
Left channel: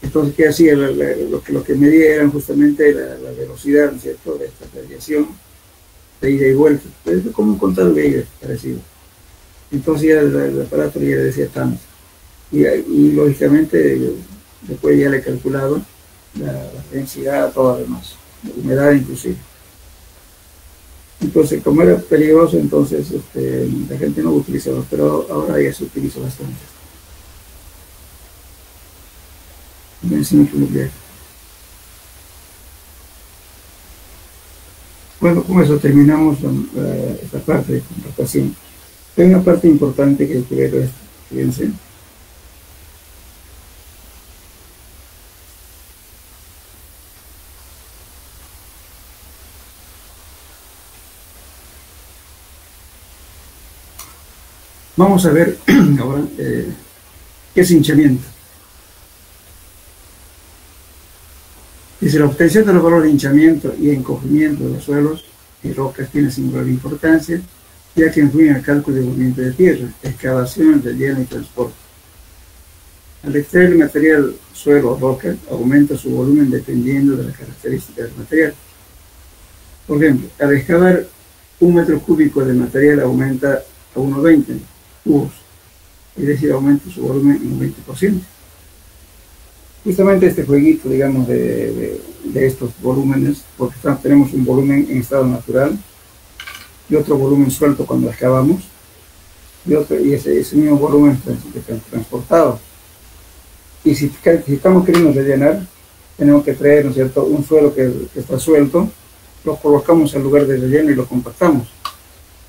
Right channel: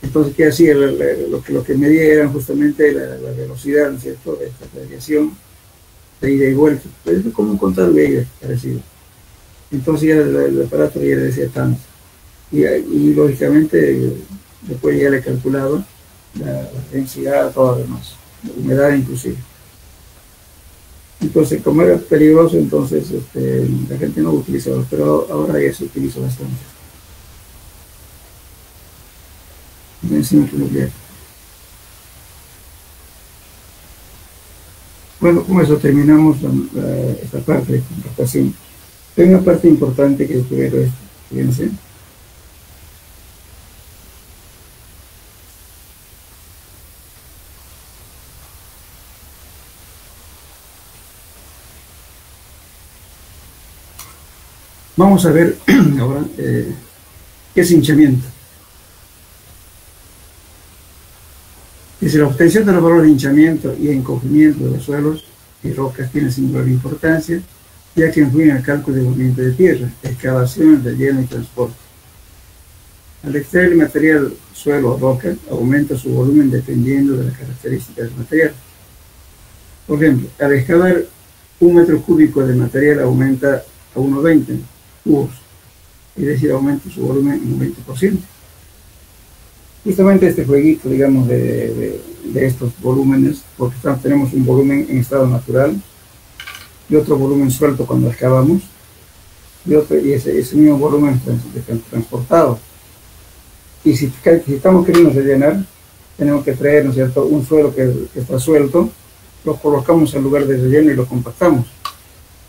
Entonces, ¿qué hacía? Lo que medía eran justamente la velocidad, ¿no es cierto?, de esta radiación, de ida y vuelta. Es como un contador Geiger parecido. Entonces ya el aparato ya le decía tanto. Y lógicamente después ya le calculaba la densidad, todo lo demás, la humedad inclusive. Entonces, como era peligroso, entonces la gente no lo utilizaba, pero ahora ya se utiliza bastante. Vencimiento nuclear. Bueno, con eso terminamos esta parte de contratación. Hay una parte importante que quiero esto, fíjense. Vamos a ver ahora qué es hinchamiento. Dice, la obtención de los valores de hinchamiento y encogimiento de los suelos y rocas tiene singular importancia, ya que influyen al cálculo de movimiento de tierra, excavación, relleno y transporte. Al extraer el material suelo o roca, aumenta su volumen dependiendo de las características del material. Por ejemplo, al excavar 1 metro cúbico de material aumenta a 1,20 cubos, es decir, aumenta su volumen en un 20%. Justamente este jueguito, digamos, de estos volúmenes, porque tenemos un volumen en estado natural y otro volumen suelto cuando excavamos, y ese mismo volumen transportado. Y si estamos queriendo rellenar, tenemos que traer, ¿no es cierto?, un suelo que está suelto, lo colocamos en lugar de relleno y lo compactamos.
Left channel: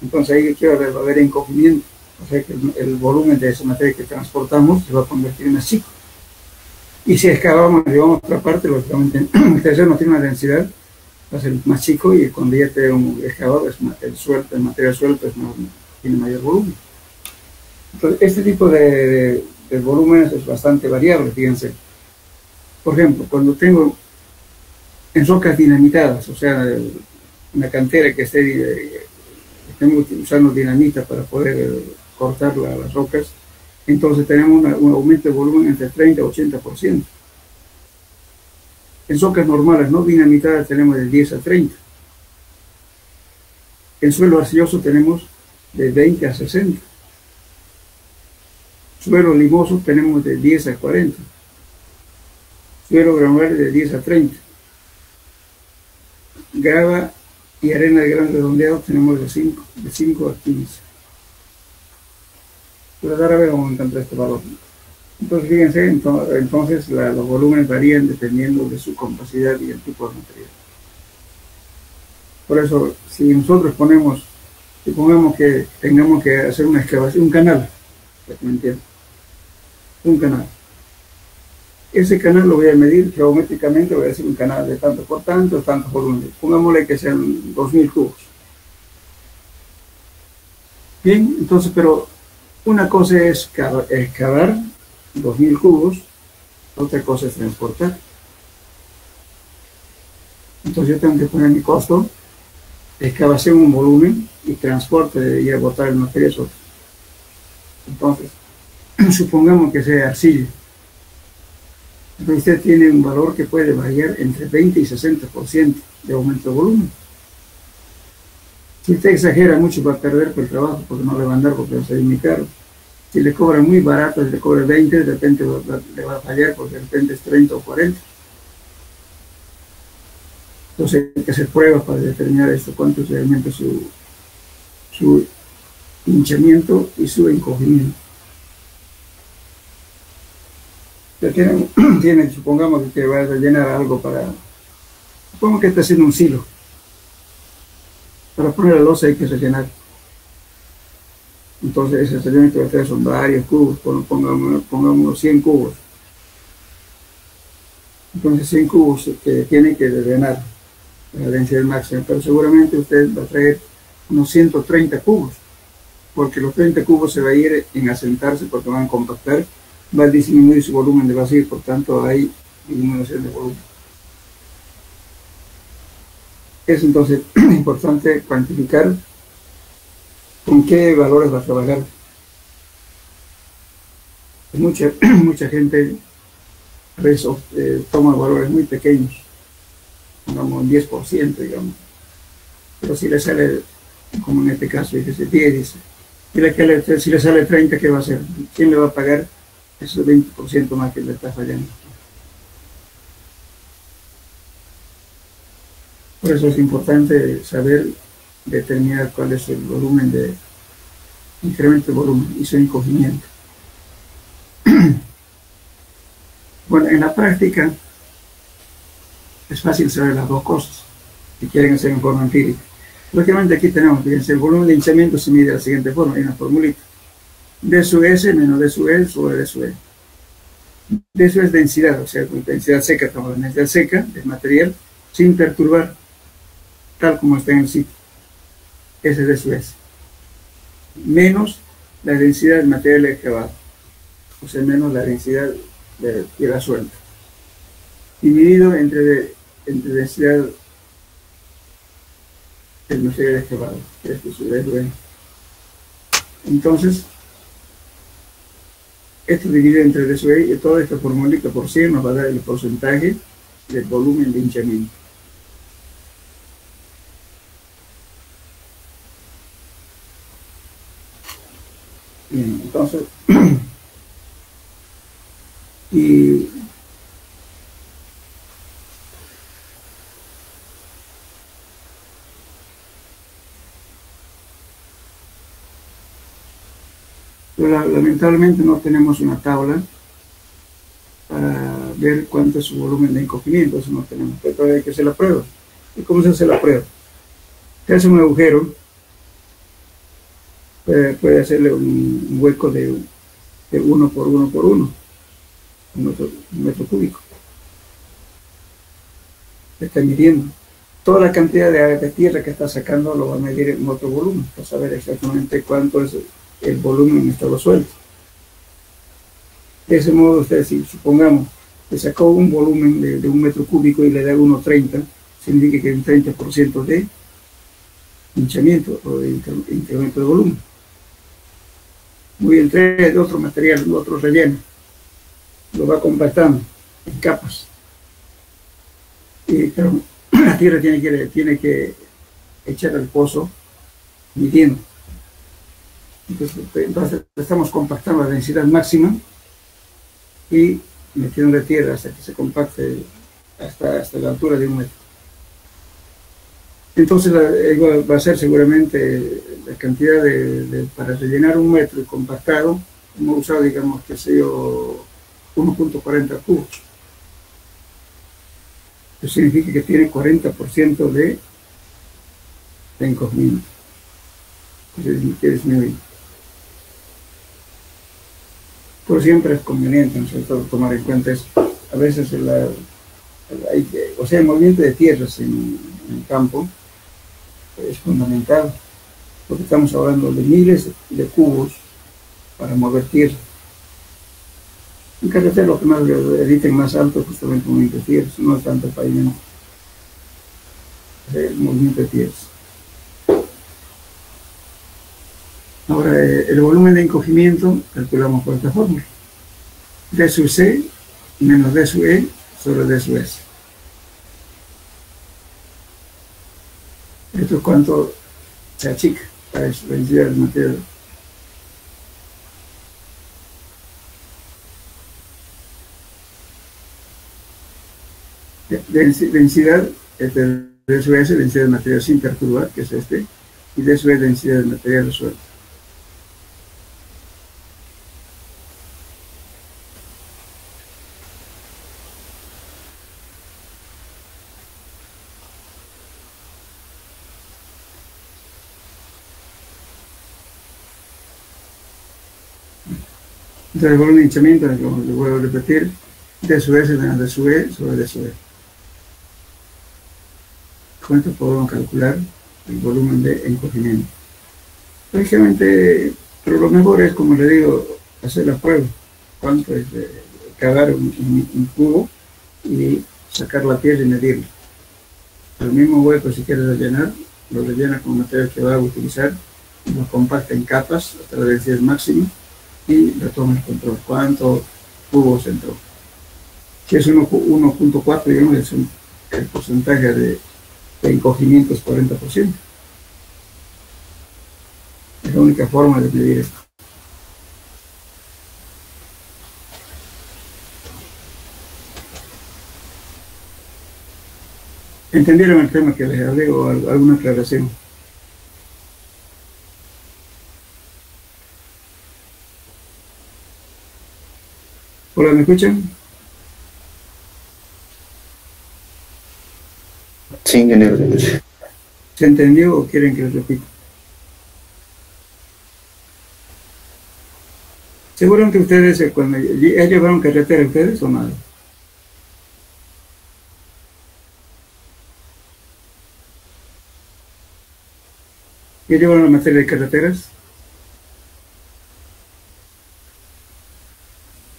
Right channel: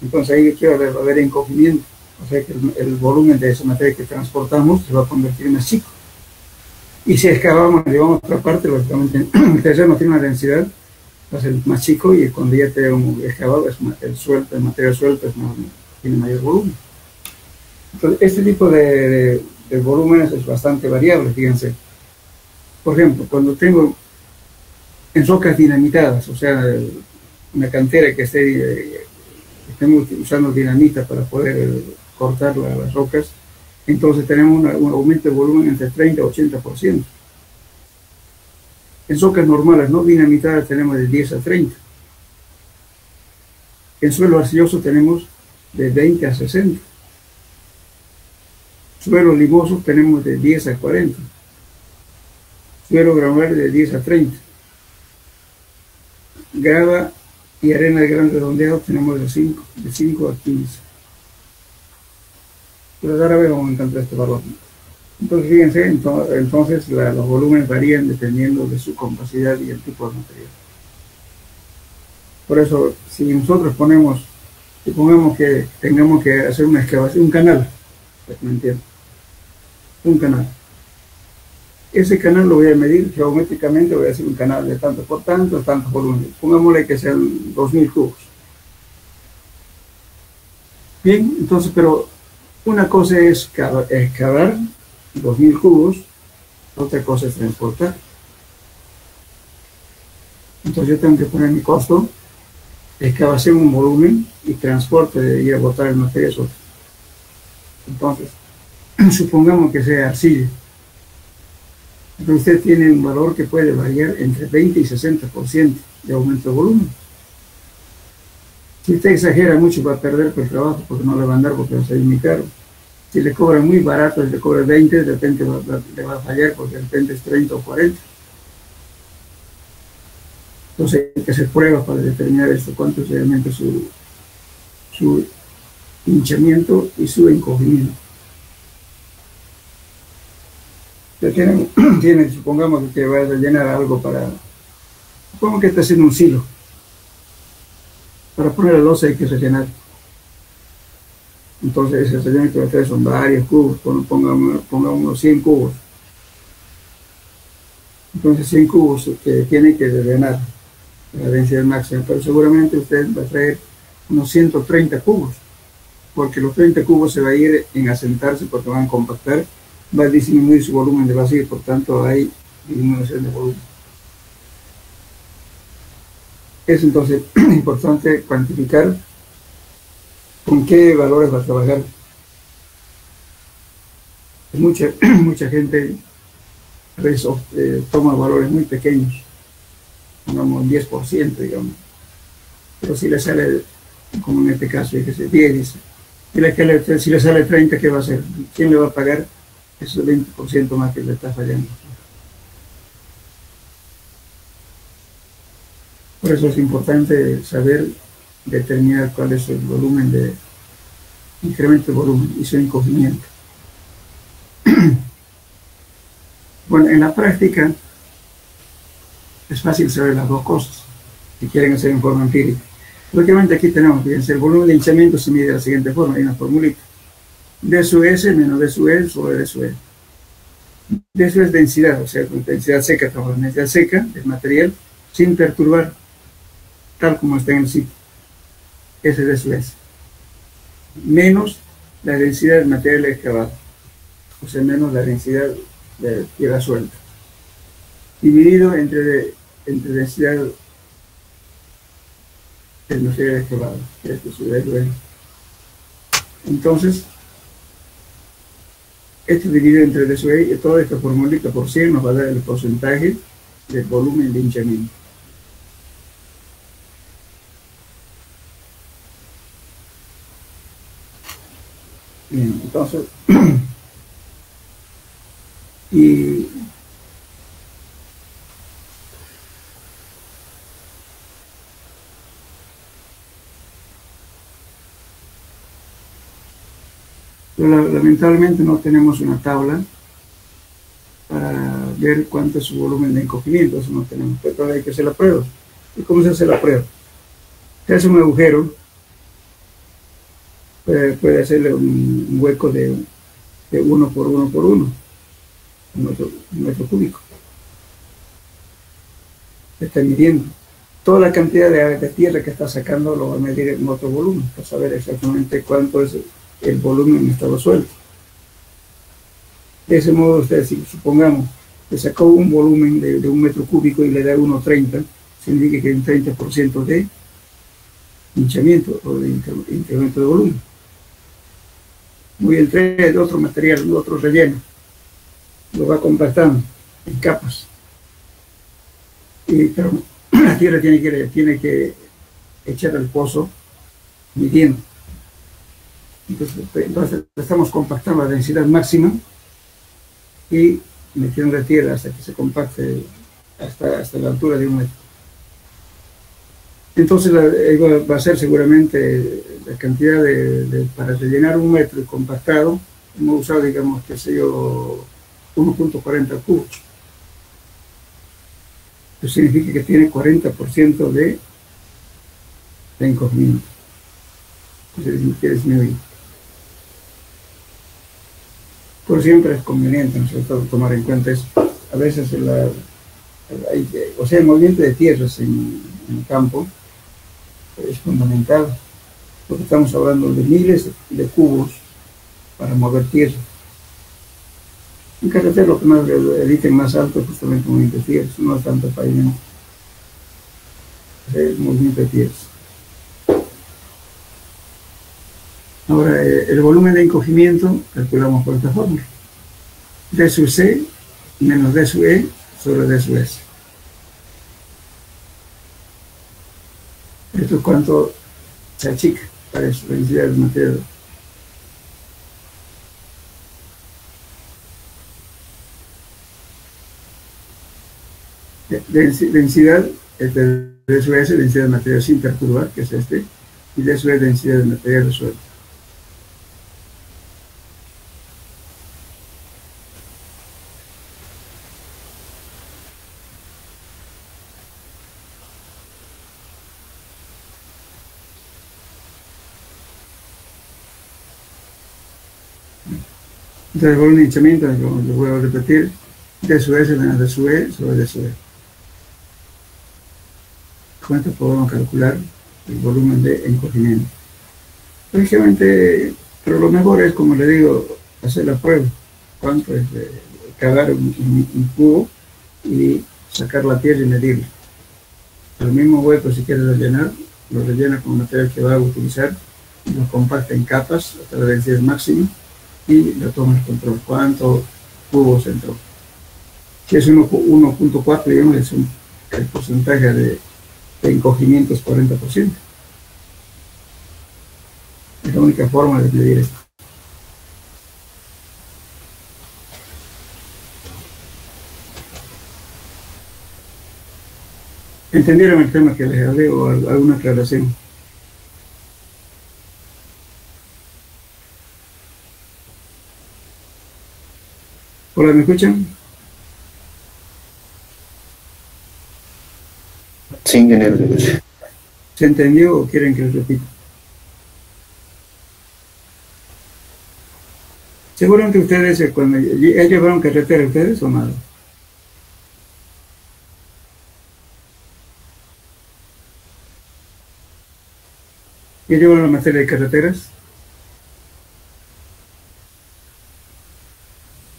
Entonces ahí va a haber encogimiento, o sea que el volumen de ese material que transportamos se va a convertir en más chico. Y si excavamos, llevamos otra parte, lógicamente el terreno tiene una densidad, va a ser más chico, y cuando ya tenemos excavado, el material suelto tiene mayor volumen. Entonces, este tipo de volúmenes es bastante variable, fíjense. Por ejemplo, cuando tengo en rocas dinamitadas, o sea, una cantera que estemos usando dinamita para poder cortar las rocas, entonces tenemos un aumento de volumen entre 30 y 80%. En rocas normales no dinamitadas tenemos de 10 a 30. En suelo arcilloso tenemos de 20 a 60. Suelo limoso tenemos de 10 a 40. Suelo granular de 10 a 30. Grava y arena de gran redondeado tenemos de 5 a 15. Pero ahora vamos a encontrar este valor. Entonces, fíjense, entonces los volúmenes varían dependiendo de su compacidad y el tipo de material. Por eso, si nosotros supongamos que tengamos que hacer una excavación, un canal, para que me entiendan, un canal. Ese canal lo voy a medir geométricamente, voy a hacer un canal de tanto por tanto, tantos volúmenes. Pongámosle que sean 2000 cubos. Bien, entonces, pero una cosa es excavar 2000 cubos, otra cosa es transportar. Entonces yo tengo que poner mi costo, excavación un volumen y transporte de ir a botar el material es otro. Entonces, supongamos que sea arcilla. Entonces usted tiene un valor que puede variar entre 20 y 60% de aumento de volumen. Si usted exagera mucho va a perder por el trabajo, porque no le va a andar, porque va a salir muy caro. Si le cobra muy barato, si le cobra 20, de repente le va a fallar, porque de repente es 30 o 40. Entonces hay que hacer pruebas para determinar cuánto se aumenta su hinchamiento y su encogimiento. Supongamos que va a rellenar algo supongamos que está haciendo un silo. Para poner la losa hay que rellenar. Entonces ese rellenamiento de ustedes son varios cubos, pongamos 100 cubos. Entonces 100 cubos que tiene que rellenar la densidad máxima, pero seguramente usted va a traer unos 130 cubos, porque los 30 cubos se va a ir en asentarse porque van a compactar, va a disminuir su volumen de vacío y por tanto hay disminución de volumen. Es entonces importante cuantificar con qué valores va a trabajar. Mucha gente a veces toma valores muy pequeños, digamos un 10%, digamos. Pero si le sale, como en este caso, dice 10, dice, si le sale 30, ¿qué va a hacer? ¿Quién le va a pagar ese 20% más que le está fallando? Por eso es importante saber determinar cuál es el volumen de incremento de volumen y su encogimiento. Bueno, en la práctica es fácil saber las dos cosas si quieren hacer en forma empírica. Lógicamente aquí tenemos, fíjense, el volumen de hinchamiento se mide de la siguiente forma, hay una formulita. D sub S menos D sub E sobre D sub E. D sub es densidad, o sea, densidad seca, trabajo en densidad seca del material sin perturbar, tal como está en el sitio. Ese es D sub S. Menos la densidad del material excavado, o sea, menos la densidad de tierra suelta, dividido entre densidad del material excavado, que es D sub E. Entonces, Esto dividido entre D sub E y toda esta formulita por 100 nos va a dar el porcentaje del volumen de hinchamiento. Bien, entonces, y lamentablemente no tenemos una tabla para ver cuánto es su volumen de encogimiento, eso no tenemos, pero todavía hay que hacer la prueba. ¿Y cómo se hace la prueba? Se hace un agujero, puede hacerle un hueco de 1 por 1 por 1, un metro cúbico. Está midiendo. Toda la cantidad de tierra que está sacando lo va a medir en otro volumen, para saber exactamente cuánto es el volumen en estado suelto. De ese modo, usted, si supongamos que sacó un volumen de 1 metro cúbico y le da 1,30, significa que hay un 30% de hinchamiento o de incremento de volumen. Muy bien, trae de otro material, de otro relleno, lo va compactando en capas. Pero la tierra tiene que echar al pozo midiendo. Entonces estamos compactando la densidad máxima y metiendo la tierra hasta que se compacte hasta la altura de 1 metro. Entonces va a ser seguramente la cantidad para rellenar 1 metro y compactado. Hemos usado, digamos, que sé yo, 1.40 cubos. Eso significa que tiene 40% de encogimiento, que disminuir. Por siempre es conveniente, sobre todo, tomar en cuenta eso. A veces el movimiento de tierras en el campo es fundamental, porque estamos hablando de miles de cubos para mover tierra. En carretera lo que más el más alto es justamente el movimiento de tierras, no es tanto el pavimento, es el movimiento de tierras. Ahora, el volumen de encogimiento calculamos por esta fórmula. D sub C menos D sub E sobre D sub S. Esto es cuánto se achica para eso, la densidad del material. Densidad de D sub S, densidad del material sin perturbar, que es este, y D sub E, densidad del material suelto. Entonces, el volumen de hinchamiento, lo voy a repetir, D sub S menos D sub E sobre D sub E. Con esto podemos calcular el volumen de encogimiento. Lógicamente, pero lo mejor es, como le digo, hacer la prueba. Cuánto es cavar un cubo y sacar la tierra y medirla. El mismo hueco, si quiere rellenar, lo rellena con material que va a utilizar, lo compacta en capas hasta la densidad máxima y lo toma el control. ¿Cuántos cubos entró? Si es 1.4, digamos, el porcentaje de encogimiento es 40%. Es la única forma de medir esto. ¿Entendieron el tema que les hablé o alguna aclaración? Hola, ¿me escuchan? Sí, ingeniero. ¿Se entendió o quieren que les repita? Seguramente ustedes, cuando ya llevaron carretera, ¿ustedes o nada? ¿Ya llevaron la materia de carreteras?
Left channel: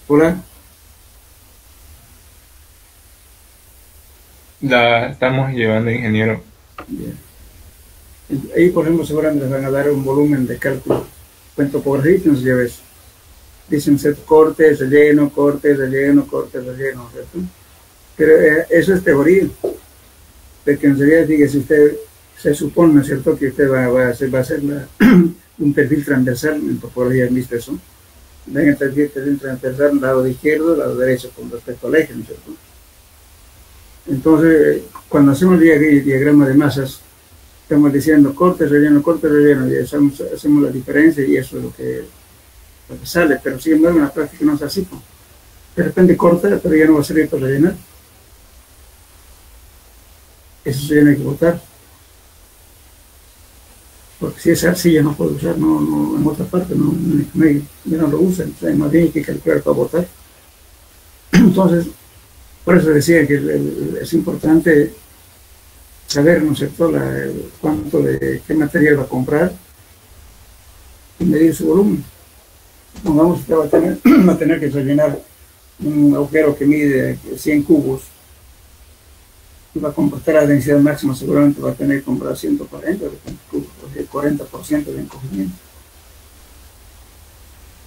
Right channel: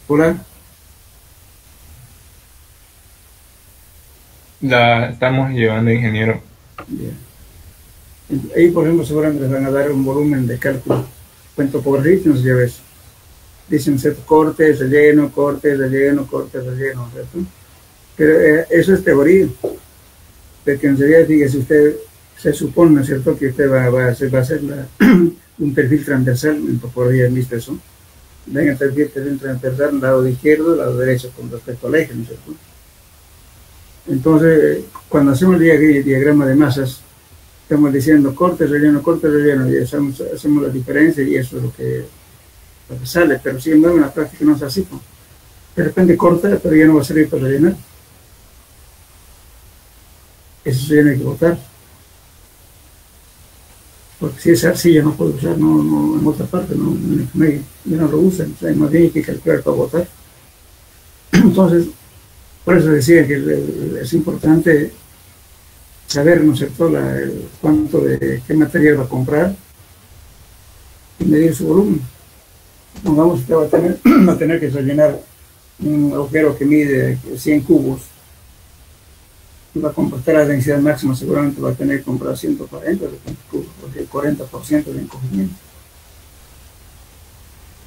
Hola. La estamos llevando, ingeniero. Bien. Ahí, por ejemplo, seguramente les van a dar un volumen de cálculo. En topografía, no sé si ya ves. dicen, ¿cierto? Corte, relleno, corte, relleno, corte, relleno, ¿cierto? Pero eso es teoría, porque en realidad, fíjese usted, se supone, ¿no es cierto?, que usted va a hacer un perfil transversal, por ahí han visto eso, ven el perfil transversal, lado de izquierdo, lado derecho, con respecto al eje, ¿no es cierto? Entonces, cuando hacemos el diagrama de masas, estamos diciendo corte, relleno, y hacemos la diferencia y eso es lo que sale, pero sin embargo en la práctica no es así, ¿no? De repente corta, pero ya no va a servir para rellenar. Eso se tiene que botar. Porque si es arcilla no puede usar, no en otra parte, ya no lo usan, o sea, más bien hay que calcular para botar. Entonces, por eso decía que es importante saber, ¿no es cierto?, qué material va a comprar y medir su volumen. Supongamos que va a tener que rellenar un agujero que mide 100 cubos y va a comportar la densidad máxima, seguramente va a tener que comprar 140 cubos, porque el 40% de encogimiento.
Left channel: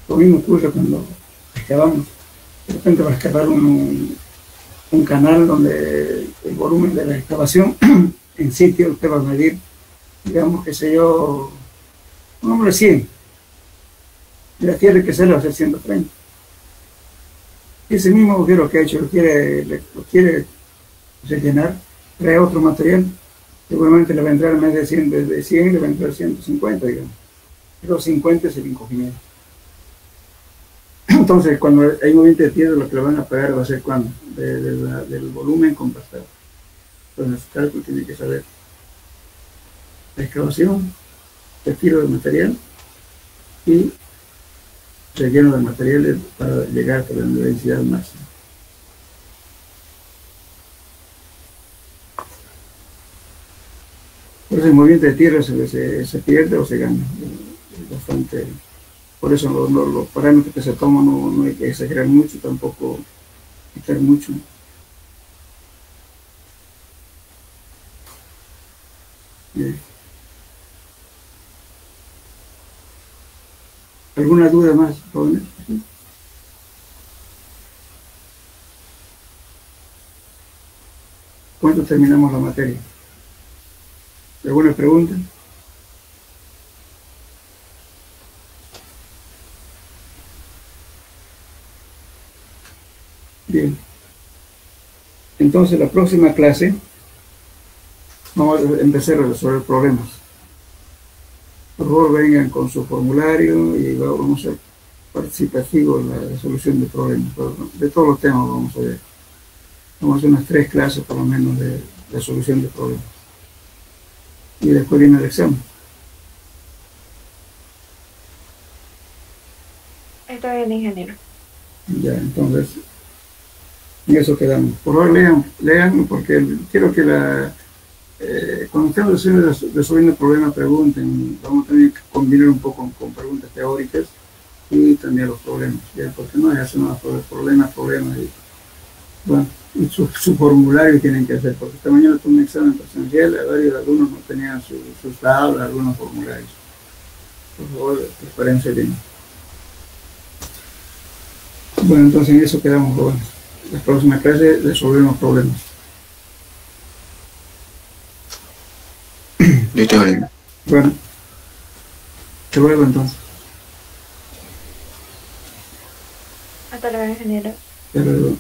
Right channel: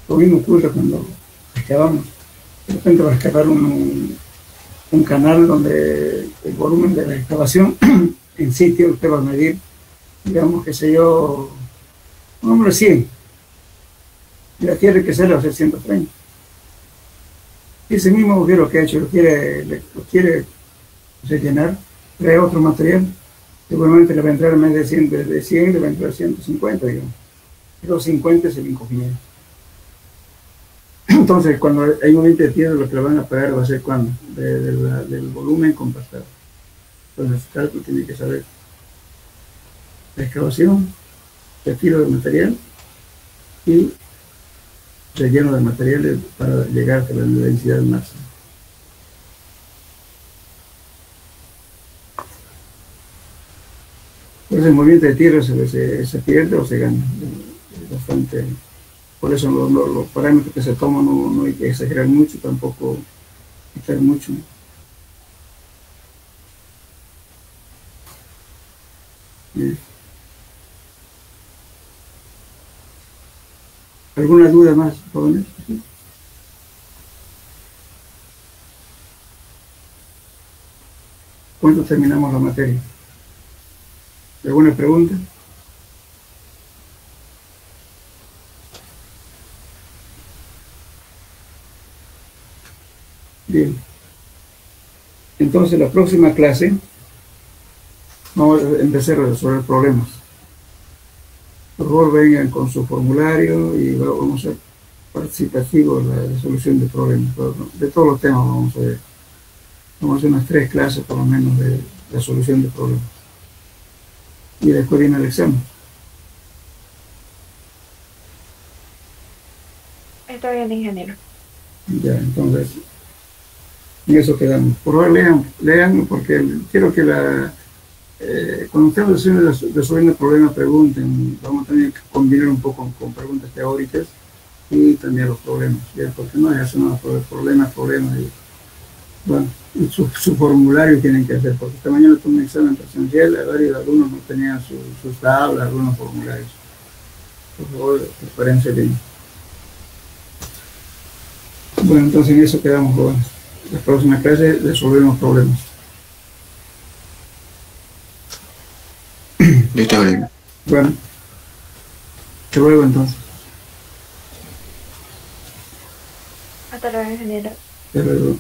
Lo mismo ocurre cuando excavamos. De repente va a excavar un canal donde el volumen de la excavación en sitio usted va a medir, digamos, que sé yo, un hombre 100, y la tierra que se le va a hacer 130. Ese mismo agujero que ha hecho lo quiere rellenar, trae otro material, seguramente le va a entrar en vez de 100, le va a entrar 150, digamos. Pero 50 es el encogimiento. Entonces, cuando hay movimiento de tierra, lo que le van a pagar va a ser cuando, del volumen compactado. Entonces, el cálculo tiene que saber la excavación, el tiro de material y relleno de materiales para llegar a la densidad máxima. Por eso el movimiento de tierra se pierde o se gana. Es bastante. Por eso los parámetros que se toman no hay que exagerar mucho, tampoco quitar mucho. Bien. ¿Alguna duda más, jóvenes? ¿Cuánto terminamos la materia? ¿Alguna pregunta? Bien. Entonces, la próxima clase vamos a empezar a resolver problemas. Por favor, vengan con su formulario y vamos a ser participativos en la solución de problemas. De todos los temas vamos a ver. Vamos a hacer unas 3 clases por lo menos de la solución de problemas. Y después viene el examen. Está bien, ingeniero. Ya, entonces, en eso quedamos. Por favor, lean porque quiero que cuando estemos resolviendo el problema, pregunten. Vamos a tener que combinar un poco con preguntas teóricas y también los problemas, ¿ya? Porque no es eso, no, problemas, y bueno, y su formulario tienen que hacer, porque esta mañana tuve un examen presencial, varios alumnos no tenían sus tablas, algunos formularios. Por favor, prepárense bien. Bueno, entonces en eso quedamos, jóvenes. La próxima clase resolvemos problemas. Listo, Bueno, te vuelvo entonces. Hasta luego, ingeniero. Hasta luego.